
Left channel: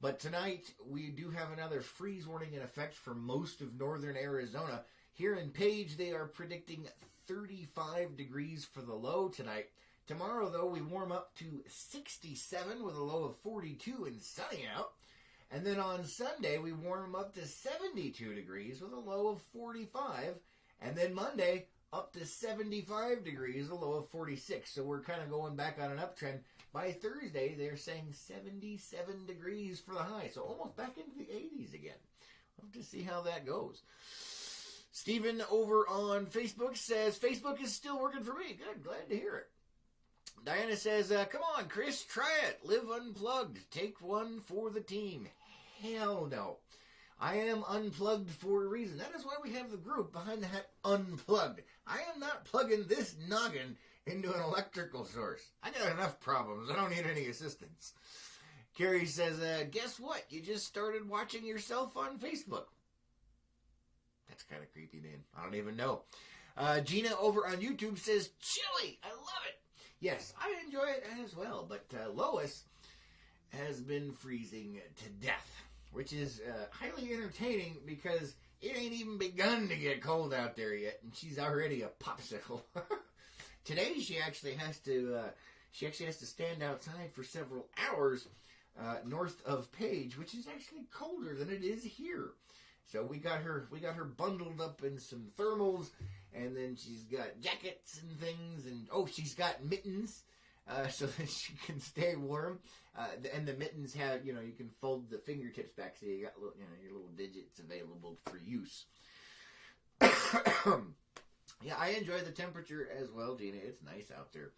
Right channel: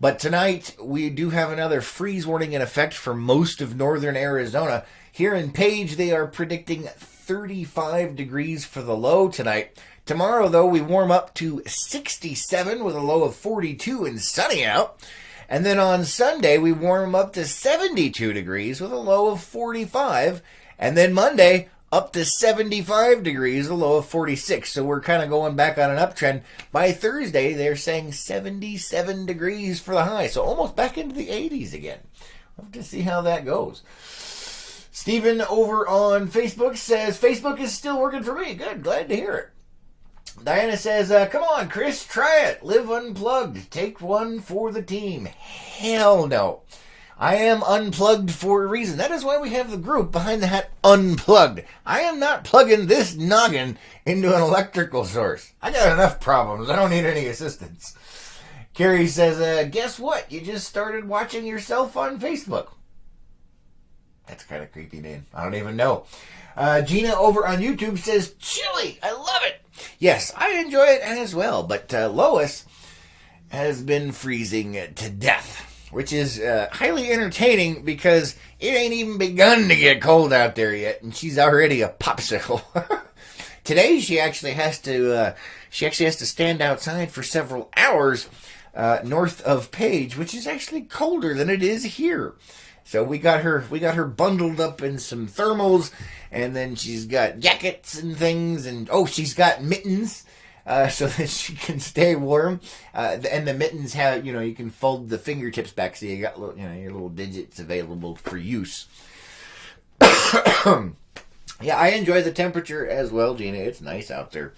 But tonight we do have another freeze warning in effect for most of northern Arizona. Here in Page, they are predicting 35 degrees for the low tonight. Tomorrow, though, we warm up to 67 with a low of 42 and sunny out. And then on Sunday, we warm up to 72 degrees with a low of 45. And then Monday, up to 75 degrees, a low of 46. So we're kind of going back on an uptrend. By Thursday, they're saying 77 degrees for the high. So almost back into the 80s again. We'll have to see how that goes. Stephen over on Facebook says, Facebook is still working for me. Good, glad to hear it. Diana says, come on, Chris, try it. Live unplugged. Take one for the team. Hell no. I am unplugged for a reason. That is why we have the group behind the hat unplugged. I am not plugging this noggin into an electrical source. I got enough problems. I don't need any assistance. Carrie says, guess what? You just started watching yourself on Facebook. That's kind of creepy, man. I don't even know. Gina over on YouTube says, chili. I love it. Yes, I enjoy it as well. But Lois has been freezing to death, which is highly entertaining because it ain't even begun to get cold out there yet, and she's already a popsicle. Today she actually has to stand outside for several hours north of Page, which is actually colder than it is here. So we got her bundled up in some thermals, and then she's got jackets and things, and she's got mittens. So that she can stay warm, and the mittens have, you can fold the fingertips back so you got your little digits available for use. Yeah, I enjoy the temperature as well, Gina. It's nice out there.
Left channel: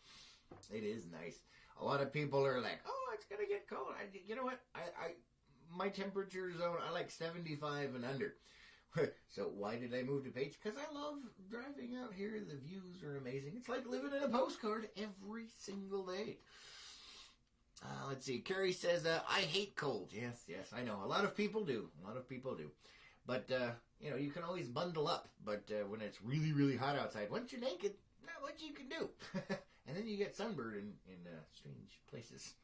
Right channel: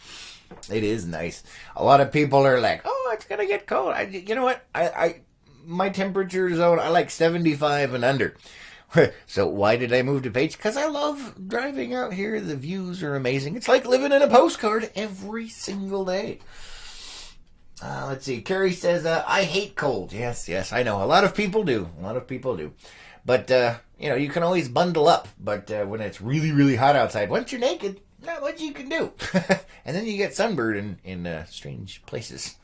It is nice. A lot of people are like, "Oh, it's gonna get cold." You know what? My temperature zone, I like 75 and under. So why did I move to Page? Because I love driving out here. The views are amazing. It's like living in a postcard every single day. Let's see. Carrie says, I hate cold. Yes, I know. A lot of people do. But, you can always bundle up. But when it's really, really hot outside, once you're naked, not much you can do. And then you get sunburned in strange places.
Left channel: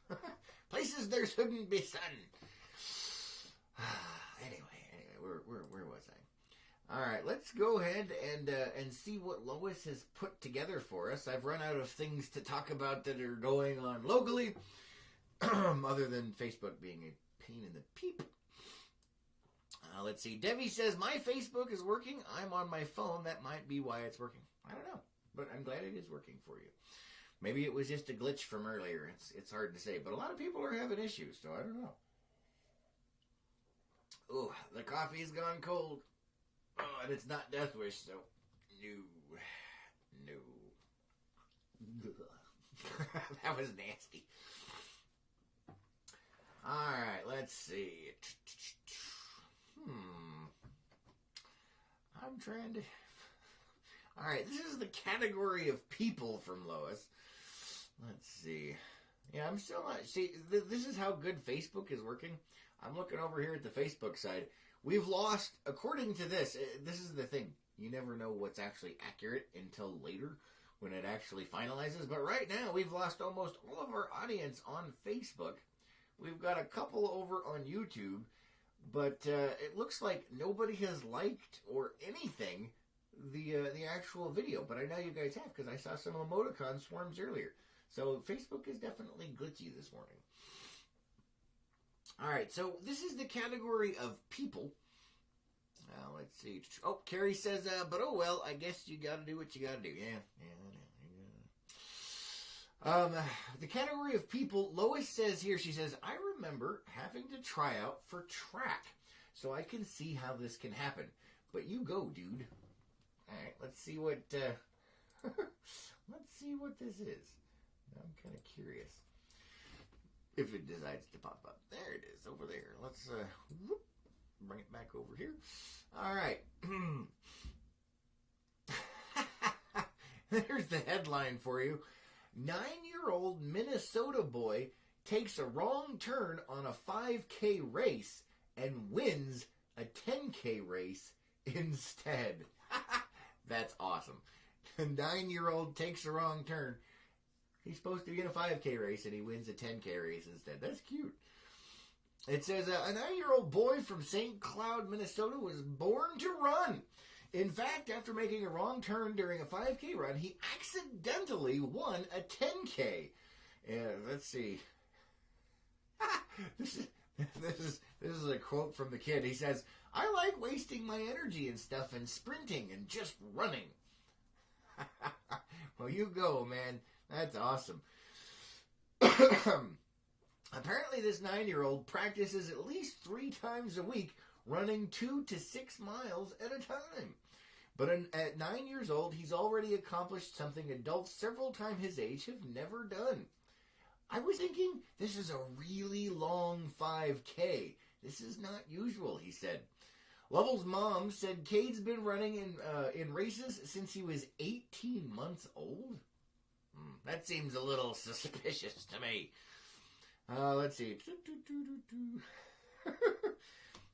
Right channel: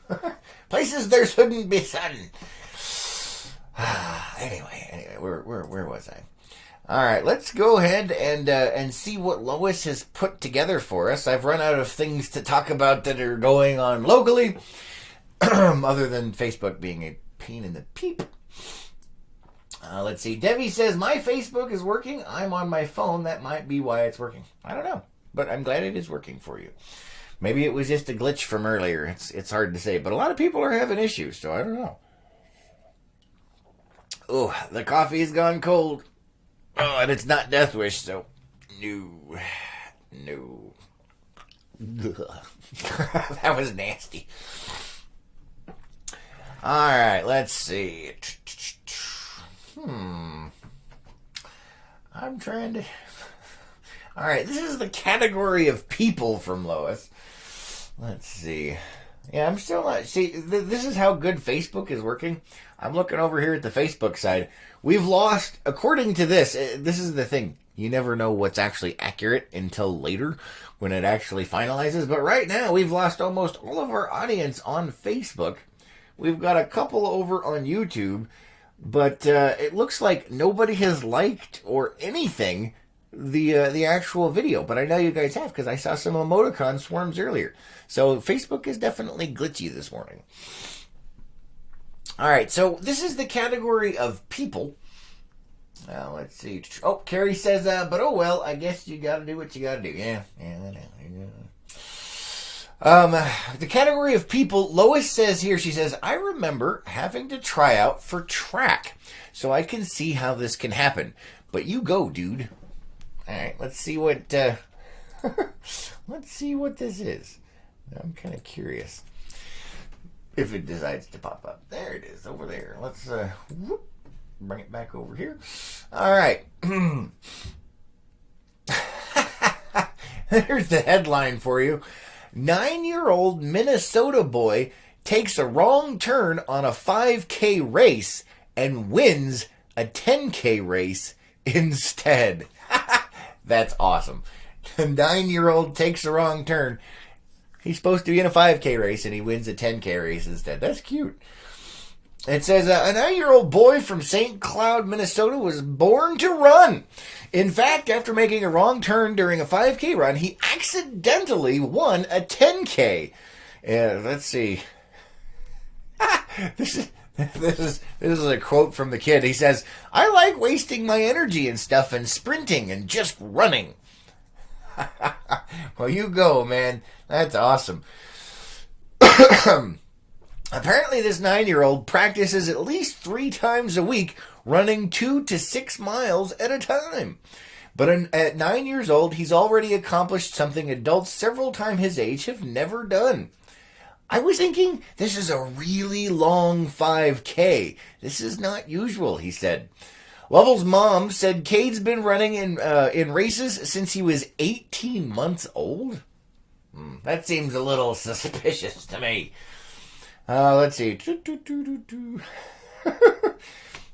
Places there shouldn't be sun. Anyway, where was I? All right, let's go ahead and see what Lois has put together for us. I've run out of things to talk about that are going on locally, other than Facebook being a pain in the peep. Let's see. Debbie says, my Facebook is working. I'm on my phone. That might be why it's working. I don't know, but I'm glad it is working for you. Maybe it was just a glitch from earlier. It's hard to say, but a lot of people are having issues, so I don't know. Oh, the coffee has gone cold. Oh, and it's not Death Wish, so no. That was nasty. All right, let's see. I'm trying to... All right, this is the category of people from Lois. Let's see. Yeah, I'm still not... See, this is how good Facebook is working. I'm looking over here at the Facebook side. We've lost, according to this is the thing. You never know what's actually accurate until later when it actually finalizes. But right now, we've lost almost all of our audience on Facebook. We've got a couple over on YouTube. But it looks like nobody has liked or anything the actual video. But I know you guys have because I saw some emoticon swarms earlier. So Facebook is definitely glitchy this morning. All right, so this is the category of people. Let's see. Oh, Carrie says, but oh well, I guess you got to do what you got to do. Yeah. The category of people, Lois says here, she says, I remember having to try out for track, so I can see how this can happen. But you go, dude. All right, let's see what let's see what this is. I'm kind of curious. If it decides to pop up. There it is, over there. Let's bring it back over here. All right. There's the headline for you. 9-year-old Minnesota boy takes a wrong turn on a 5K race and wins a 10K race instead. That's awesome. A 9-year-old takes a wrong turn. He's supposed to be in a 5K race, and he wins a 10K race instead. That's cute. It says a 9-year-old boy from St. Cloud, Minnesota was born to run. In fact, after making a wrong turn during a 5K run, he accidentally won a 10K. Let's see. This is a quote from the kid. He says, "I like wasting my energy and stuff and sprinting and just running." Well, you go, man. That's awesome. Apparently, this 9-year-old practices at least 3 times a week, running 2 to 6 miles at a time. But at 9 years old, he's already accomplished something adults several times his age have never done. I was thinking, this is a really long 5K. This is not usual, he said. Lovell's mom said Cade's been running in races since he was 18 months old. That seems a little suspicious to me. Let's see.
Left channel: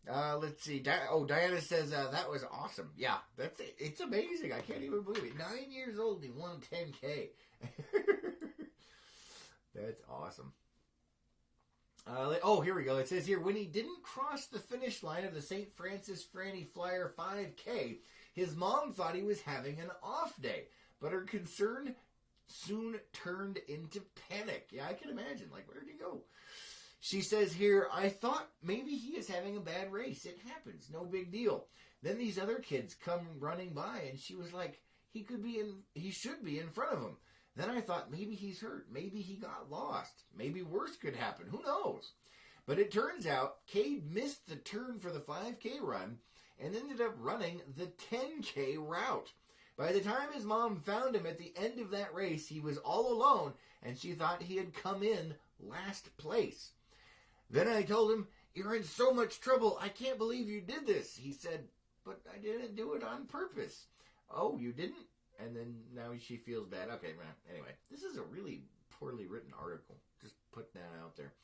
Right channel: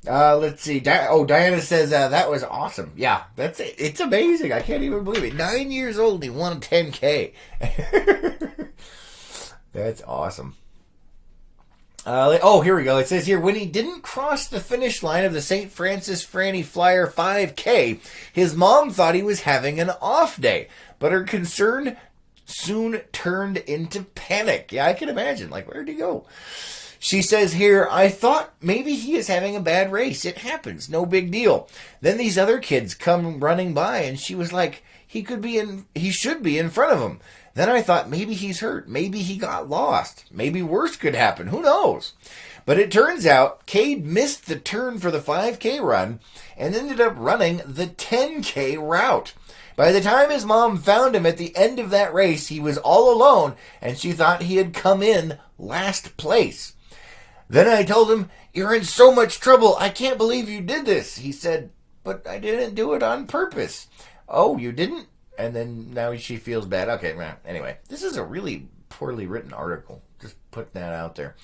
Let's see. Diana says that was awesome. Yeah, that's it. It's amazing. I can't even believe it. 9 years old, he won a 10K. That's awesome. Here we go. It says here, when he didn't cross the finish line of the St. Francis Franny Flyer 5K, his mom thought he was having an off day, but her concern soon turned into panic. Yeah, I can imagine. Like, where'd he go? She says here, I thought maybe he is having a bad race. It happens. No big deal. Then these other kids come running by, and she was like, he should be in front of him. Then I thought maybe he's hurt. Maybe he got lost. Maybe worse could happen. Who knows? But it turns out Cade missed the turn for the 5K run and ended up running the 10K route. By the time his mom found him at the end of that race, he was all alone, and she thought he had come in last place. Then I told him, "You're in so much trouble. I can't believe you did this." He said, "But I didn't do it on purpose." "Oh, you didn't?" And then now she feels bad. Okay, anyway, this is a really poorly written article. Just putting that out there.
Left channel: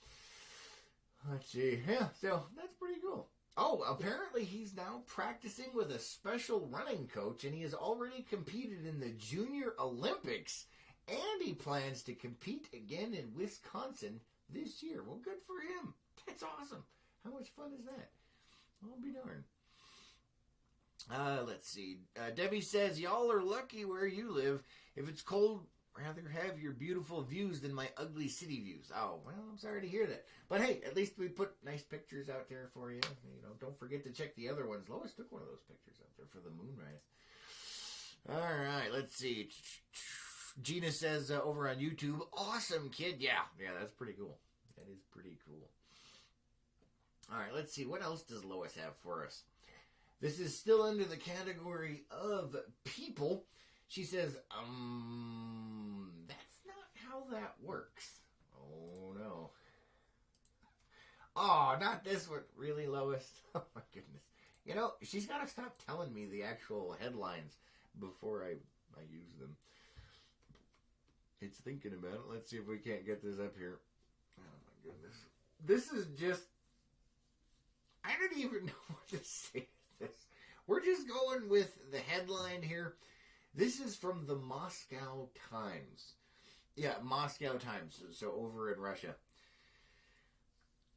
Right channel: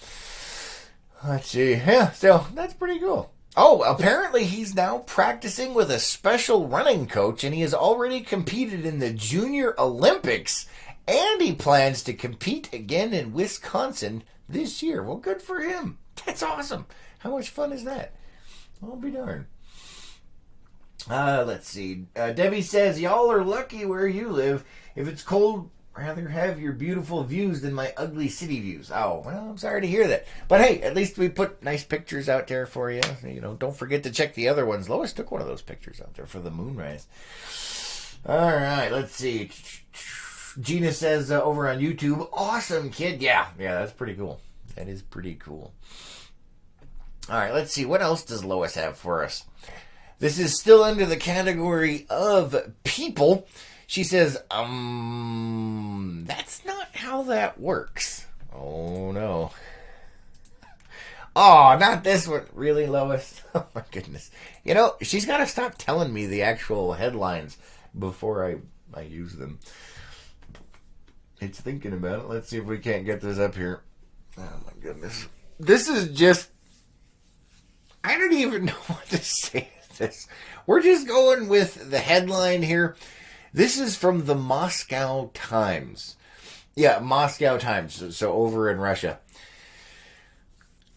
Let's see. Yeah, so that's pretty cool. Oh, apparently he's now practicing with a special running coach, and he has already competed in the Junior Olympics, and he plans to compete again in Wisconsin this year. Well, good for him. That's awesome. How much fun is that? I'll be darned. Let's see. Debbie says, y'all are lucky where you live. If it's cold, rather have your beautiful views than my ugly city views. Oh, well, I'm sorry to hear that. But hey, at least we put nice pictures out there for you. You know, don't forget to check the other ones. Lois took one of those pictures out there for the moonrise. All right, let's see. Gina says over on YouTube, awesome, kid. Yeah, that's pretty cool. That is pretty cool. All right, let's see. What else does Lois have for us? This is still under the category of people. She says, that's not how that works. Oh, no. Oh, not this one. Really, Lois? Oh, my goodness. You know, she's got to stop telling me the actual headlines before I use them. It's thinking about it. Let's see if we can't get this up here. Oh, my goodness. This is just... I don't even know what to say. This. We're just going with the headline here. This is from the Moscow Times. Yeah, Moscow Times. So over in Russia.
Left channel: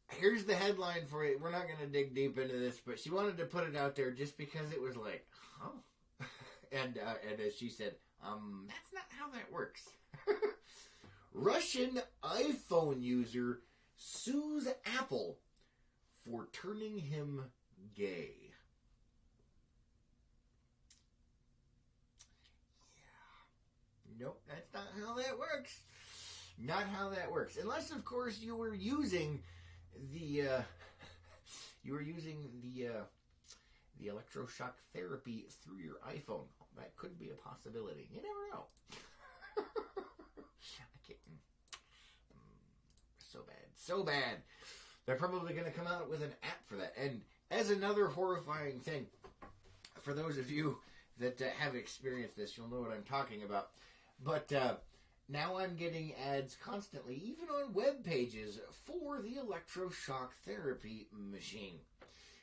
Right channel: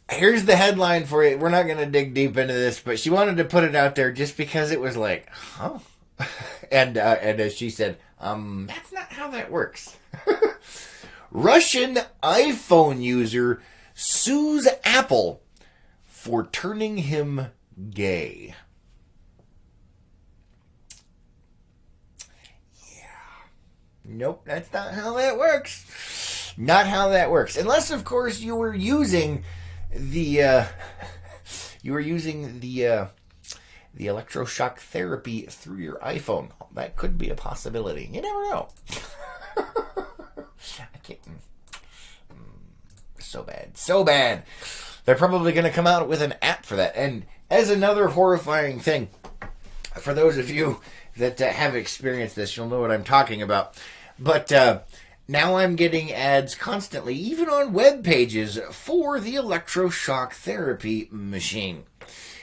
Here's the headline for you. We're not going to dig deep into this, but she wanted to put it out there just because it was like, huh? And as she said, that's not how that works. Russian iPhone user sues Apple for turning him gay. Nope, that's not how that works. Not how that works. Unless, of course, you were using the electroshock therapy through your iPhone. That could be a possibility. You never know. I can't. So bad. They're probably going to come out with an app for that. And as another horrifying thing, for those of you that have experienced this, you'll know what I'm talking about. But now I'm getting ads constantly, even on web pages, for the electroshock therapy machine.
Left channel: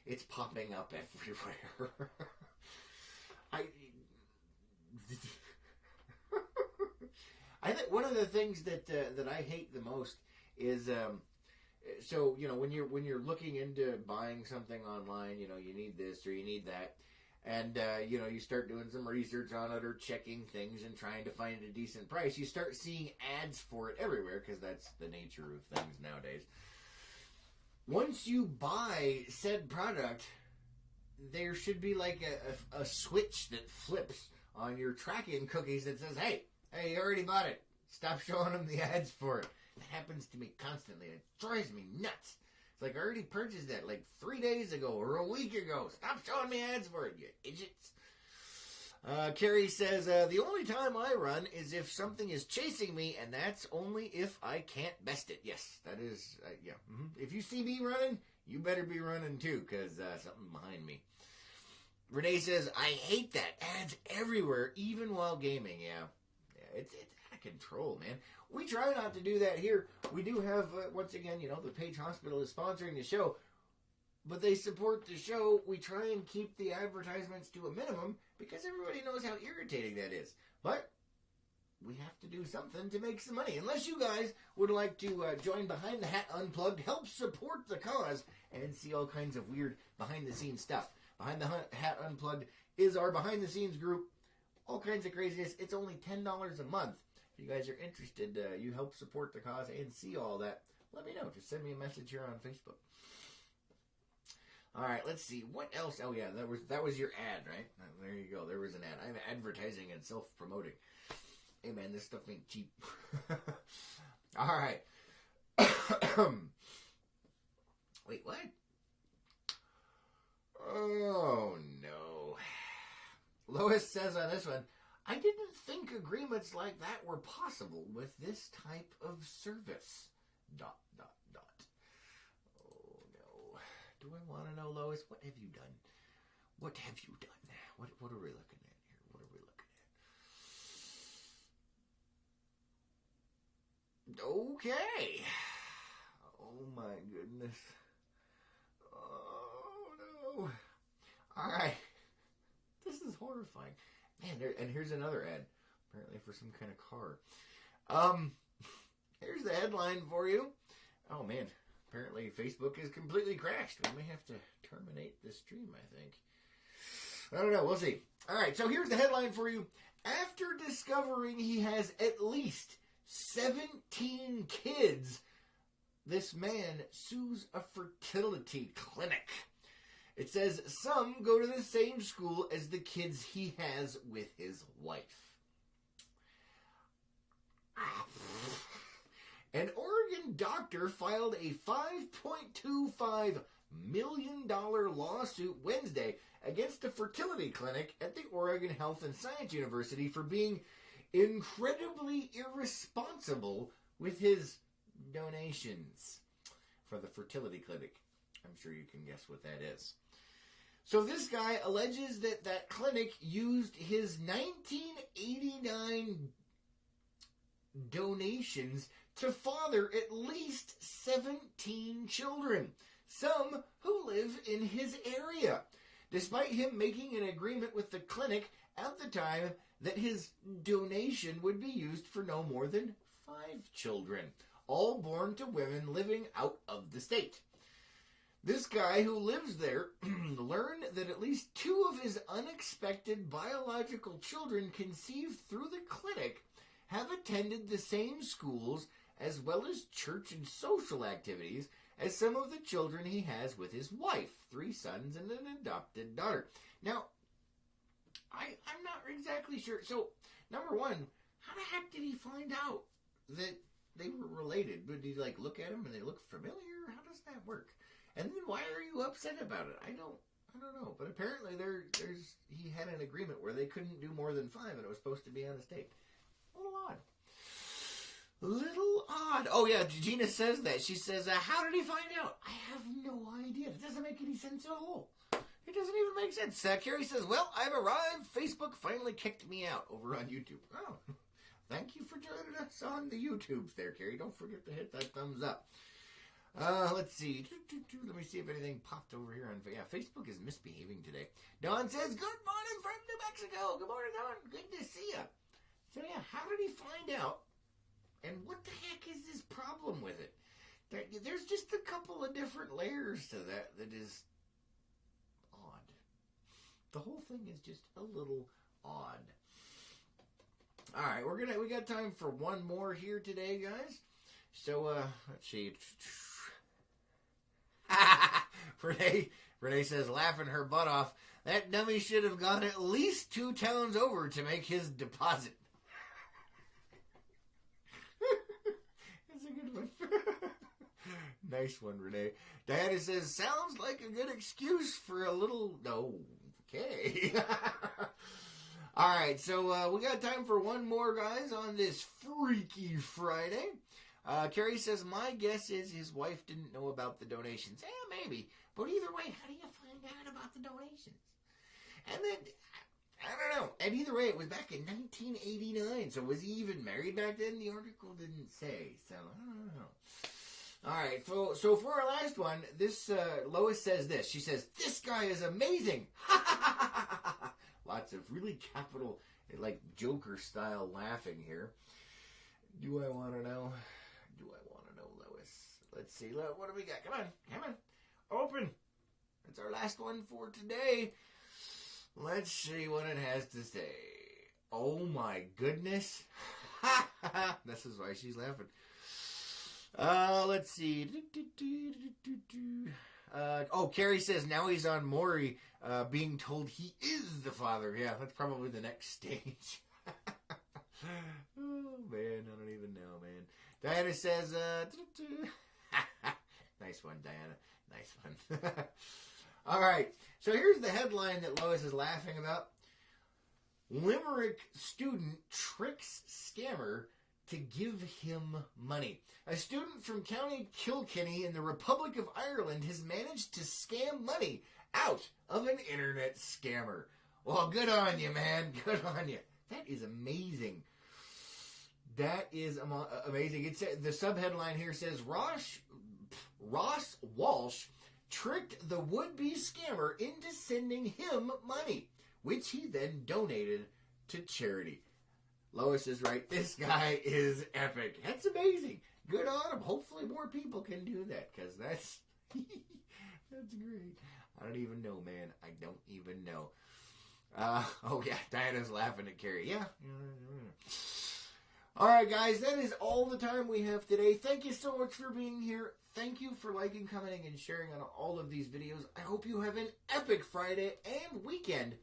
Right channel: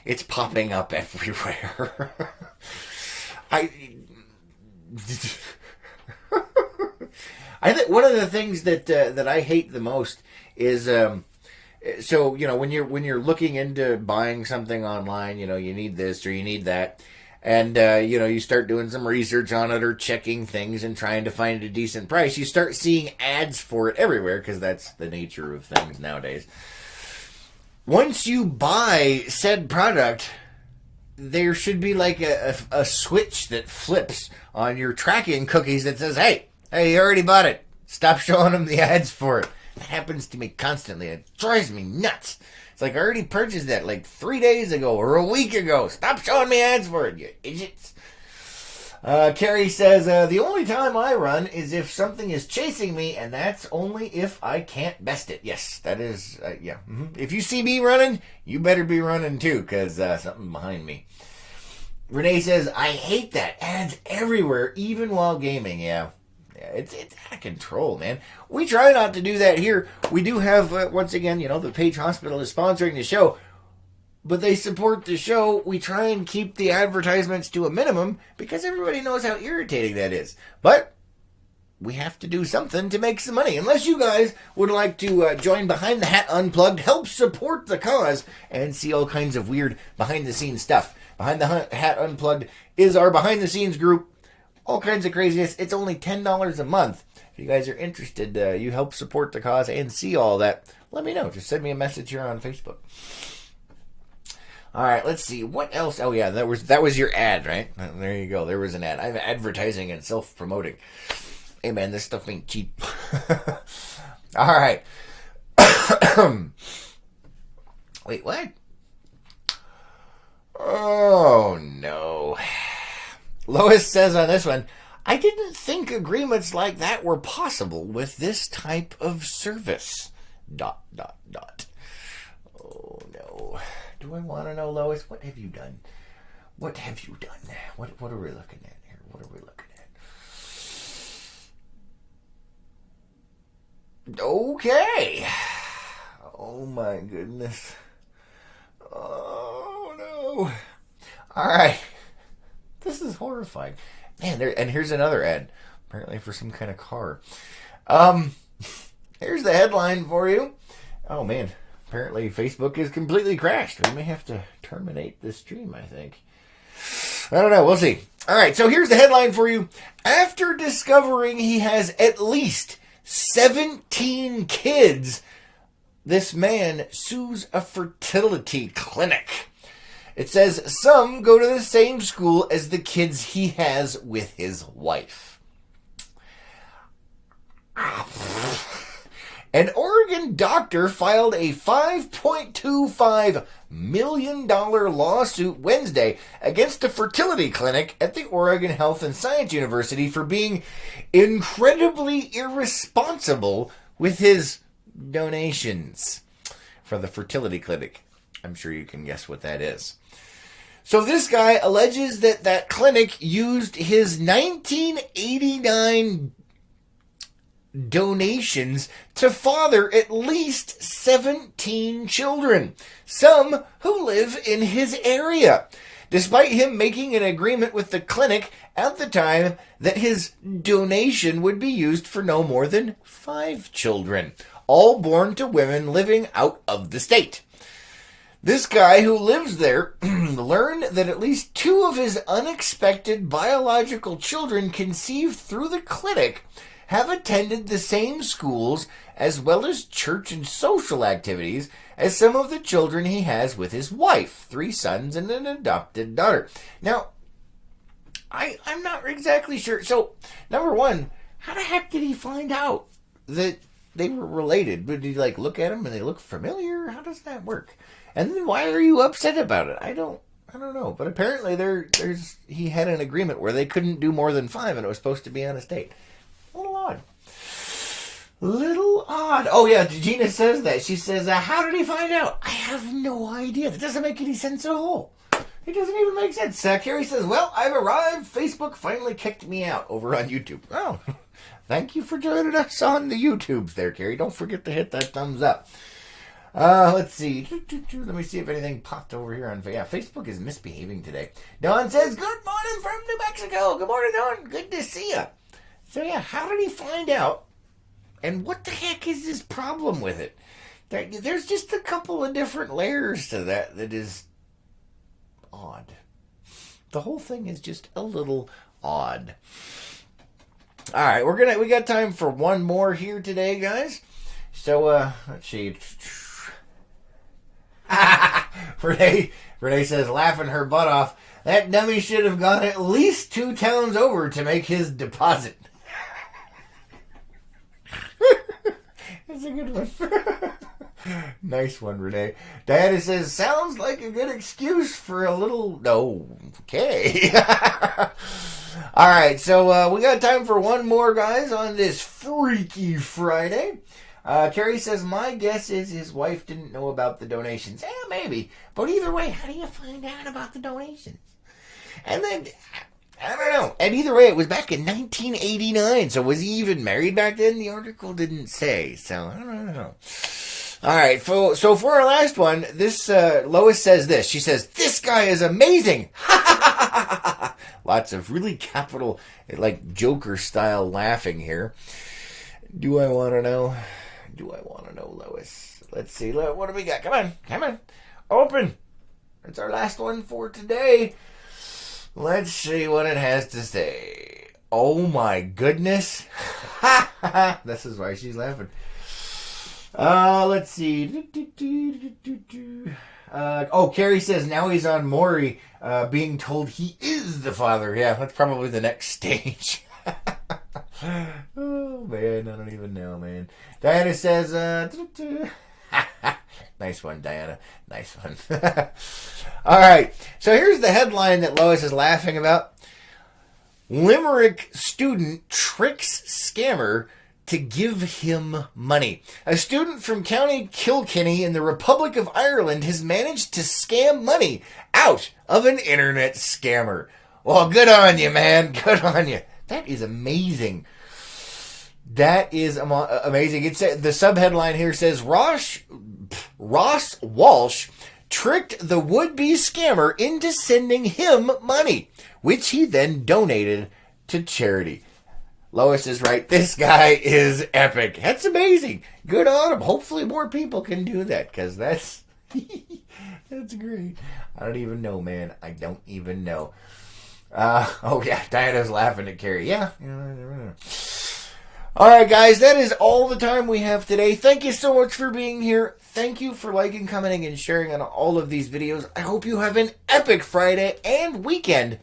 It's popping up everywhere. I think one of the things that I hate the most is So, when you're looking into buying something online, you need this or you need that. And, you start doing some research on it or checking things and trying to find a decent price. You start seeing ads for it everywhere because that's the nature of things nowadays. Once you buy said product, there should be like a switch that flips on your tracking cookies that says, hey, you already bought it. Stop showing them the ads for it. That happens to me constantly. It drives me nuts. It's like I already purchased that like 3 days ago or a week ago. Stop showing me ads for it, you idiots. Carrie says, the only time I run is if something is chasing me, and that's only if I can't best it. Yes, that is, yeah. Mm-hmm. If you see me running, you better be running too, because something behind me. Renee says, I hate that. Ads everywhere, even while gaming. Yeah, it's out of control, man. We try not to do that here. We do have, once again, the Page Hospital is sponsoring the show. But they support the show. We try and keep the advertisements to a minimum because everybody knows how irritating that is. But we have to do something to make some money. Unless you guys would like to join Behind the Hat Unplugged, help support the cause, and see all kinds of weird behind-the-scenes stuff. Behind the Hat Unplugged is our behind-the-scenes group. All kinds of craziness. It's only $10 a month. If you guys are interested, you help support the cause and see all that, let me know. Just send me a message here on Facebook. All right, let's see. What else? Oh, yeah, that was your ad, right? There you go. There was an ad. I'm advertising and self-promoting. Hey, man, this stuff ain't cheap. All right. Wait, what? Oh, no. Lois says on this one, I didn't think agreements like that were possible with this type of service. ... Oh, no. Do I want to know, Lois? What have you done? What have you done? What are we looking at here? What are we looking at? Okay. Oh, my goodness. Oh, no. All right. This is horrifying. Man, and here's another ad. Apparently for some kind of car. Here's the headline for you. Oh, man. Apparently, Facebook is completely crashed. We may have to terminate the stream, I think. I don't know. We'll see. All right, so here's the headline for you. After discovering he has at least 17 kids, this man sues a fertility clinic. It says some go to the same school as the kids he has with his wife. An Oregon doctor filed a $5.25 million lawsuit Wednesday against a fertility clinic at the Oregon Health and Science University for being incredibly irresponsible with his donations for the fertility clinic. I'm sure you can guess what that is. So this guy alleges that clinic used his 1989 donations to father at least 17 children, some who live in his area, despite him making an agreement with the clinic at the time that his donation would be used for no more than 5 children, all born to women living out of the state. This guy who lives there learned that at least 2 of his unexpected biological children conceived through the clinic have attended the same schools as well as church and social activities as some of the children he has with his wife, 3 sons and an adopted daughter. Now, I'm not exactly sure. So, number one, how the heck did he find out that they were related? But did he look at them and they look familiar? How does that work? And then why are you upset about it? I don't know. But apparently he had an agreement where they couldn't do more than 5 and it was supposed to be on a state. Little odd. Oh, yeah, Gina says that. She says, how did he find out? I have no idea. That doesn't make any sense at all. It doesn't even make sense. Carrie says, well, I've arrived. Facebook finally kicked me out over on YouTube. Oh, thank you for joining us on the YouTubes there, Carrie. Don't forget to hit that thumbs up. Let's see. Let me see if anything popped over here on... Yeah, Facebook is misbehaving today. Dawn says, good morning from New Mexico. Good morning, Dawn. Good to see you. So, yeah, how did he find out? And what the heck is his problem with it? There's just a couple of different layers to that is odd. The whole thing is just a little odd. All right, we got time for one more here today, guys. So let's see. Renee says, laughing her butt off, that dummy should have gone at least 2 towns over to make his deposit. That's a good one. Nice one, Renee. Diana says, sounds like a good excuse for a little... No. Okay. All right, so we got time for one more, guys, on this Freaky Friday. Carrie says, my guess is his wife didn't know about the donations. Maybe. But either way, how do you find out about the donations? And then, I don't know. And either way, it was back in 1989. So was he even married back then? The article didn't say. So, I don't know. All right, so for our last one, this Lois says this. She says, this guy is amazing. Lots of really capital, like Joker-style laughing here. Do I want to know? Lois? Let's see. What do we got? Come on. Open. It's our last one for today. Let's see what it has to say. Oh, my goodness. This is why she's laughing. Let's see. Carrie says now he's on Maury, being told he is the father. Yeah, that's probably the next stage. Oh, man, I don't even know, man. Diana says, nice one, Diana. Nice one. All right, so here's the headline that Lois is laughing about. Limerick student tricks scammer to give him money. A student from County Kilkenny in the Republic of Ireland has managed to scam money out of an internet scammer. Well, good on you, man. Good on you. That is amazing. That is amazing. It's the subheadline here says Ross Walsh tricked the would-be scammer into sending him money, which he then donated to charity. Lois is right. This guy is epic. That's amazing. Good on him. Hopefully more people can do that, because that's that's great. I don't even know, man. I don't even know. Diana's laughing at Carrie. Yeah. All right, guys. That is all the time we have today. Thank you so much for being here. Thank you for liking, commenting, and sharing on all of these videos. I hope you have an epic Friday and weekend.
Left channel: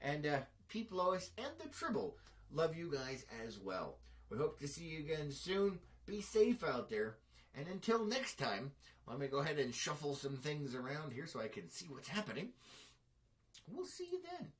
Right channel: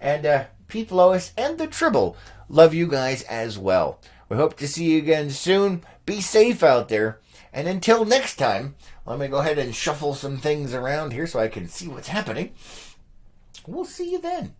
And Peep, Lois, and the Tribble love you guys as well. We hope to see you again soon. Be safe out there. And until next time, let me go ahead and shuffle some things around here so I can see what's happening. We'll see you then.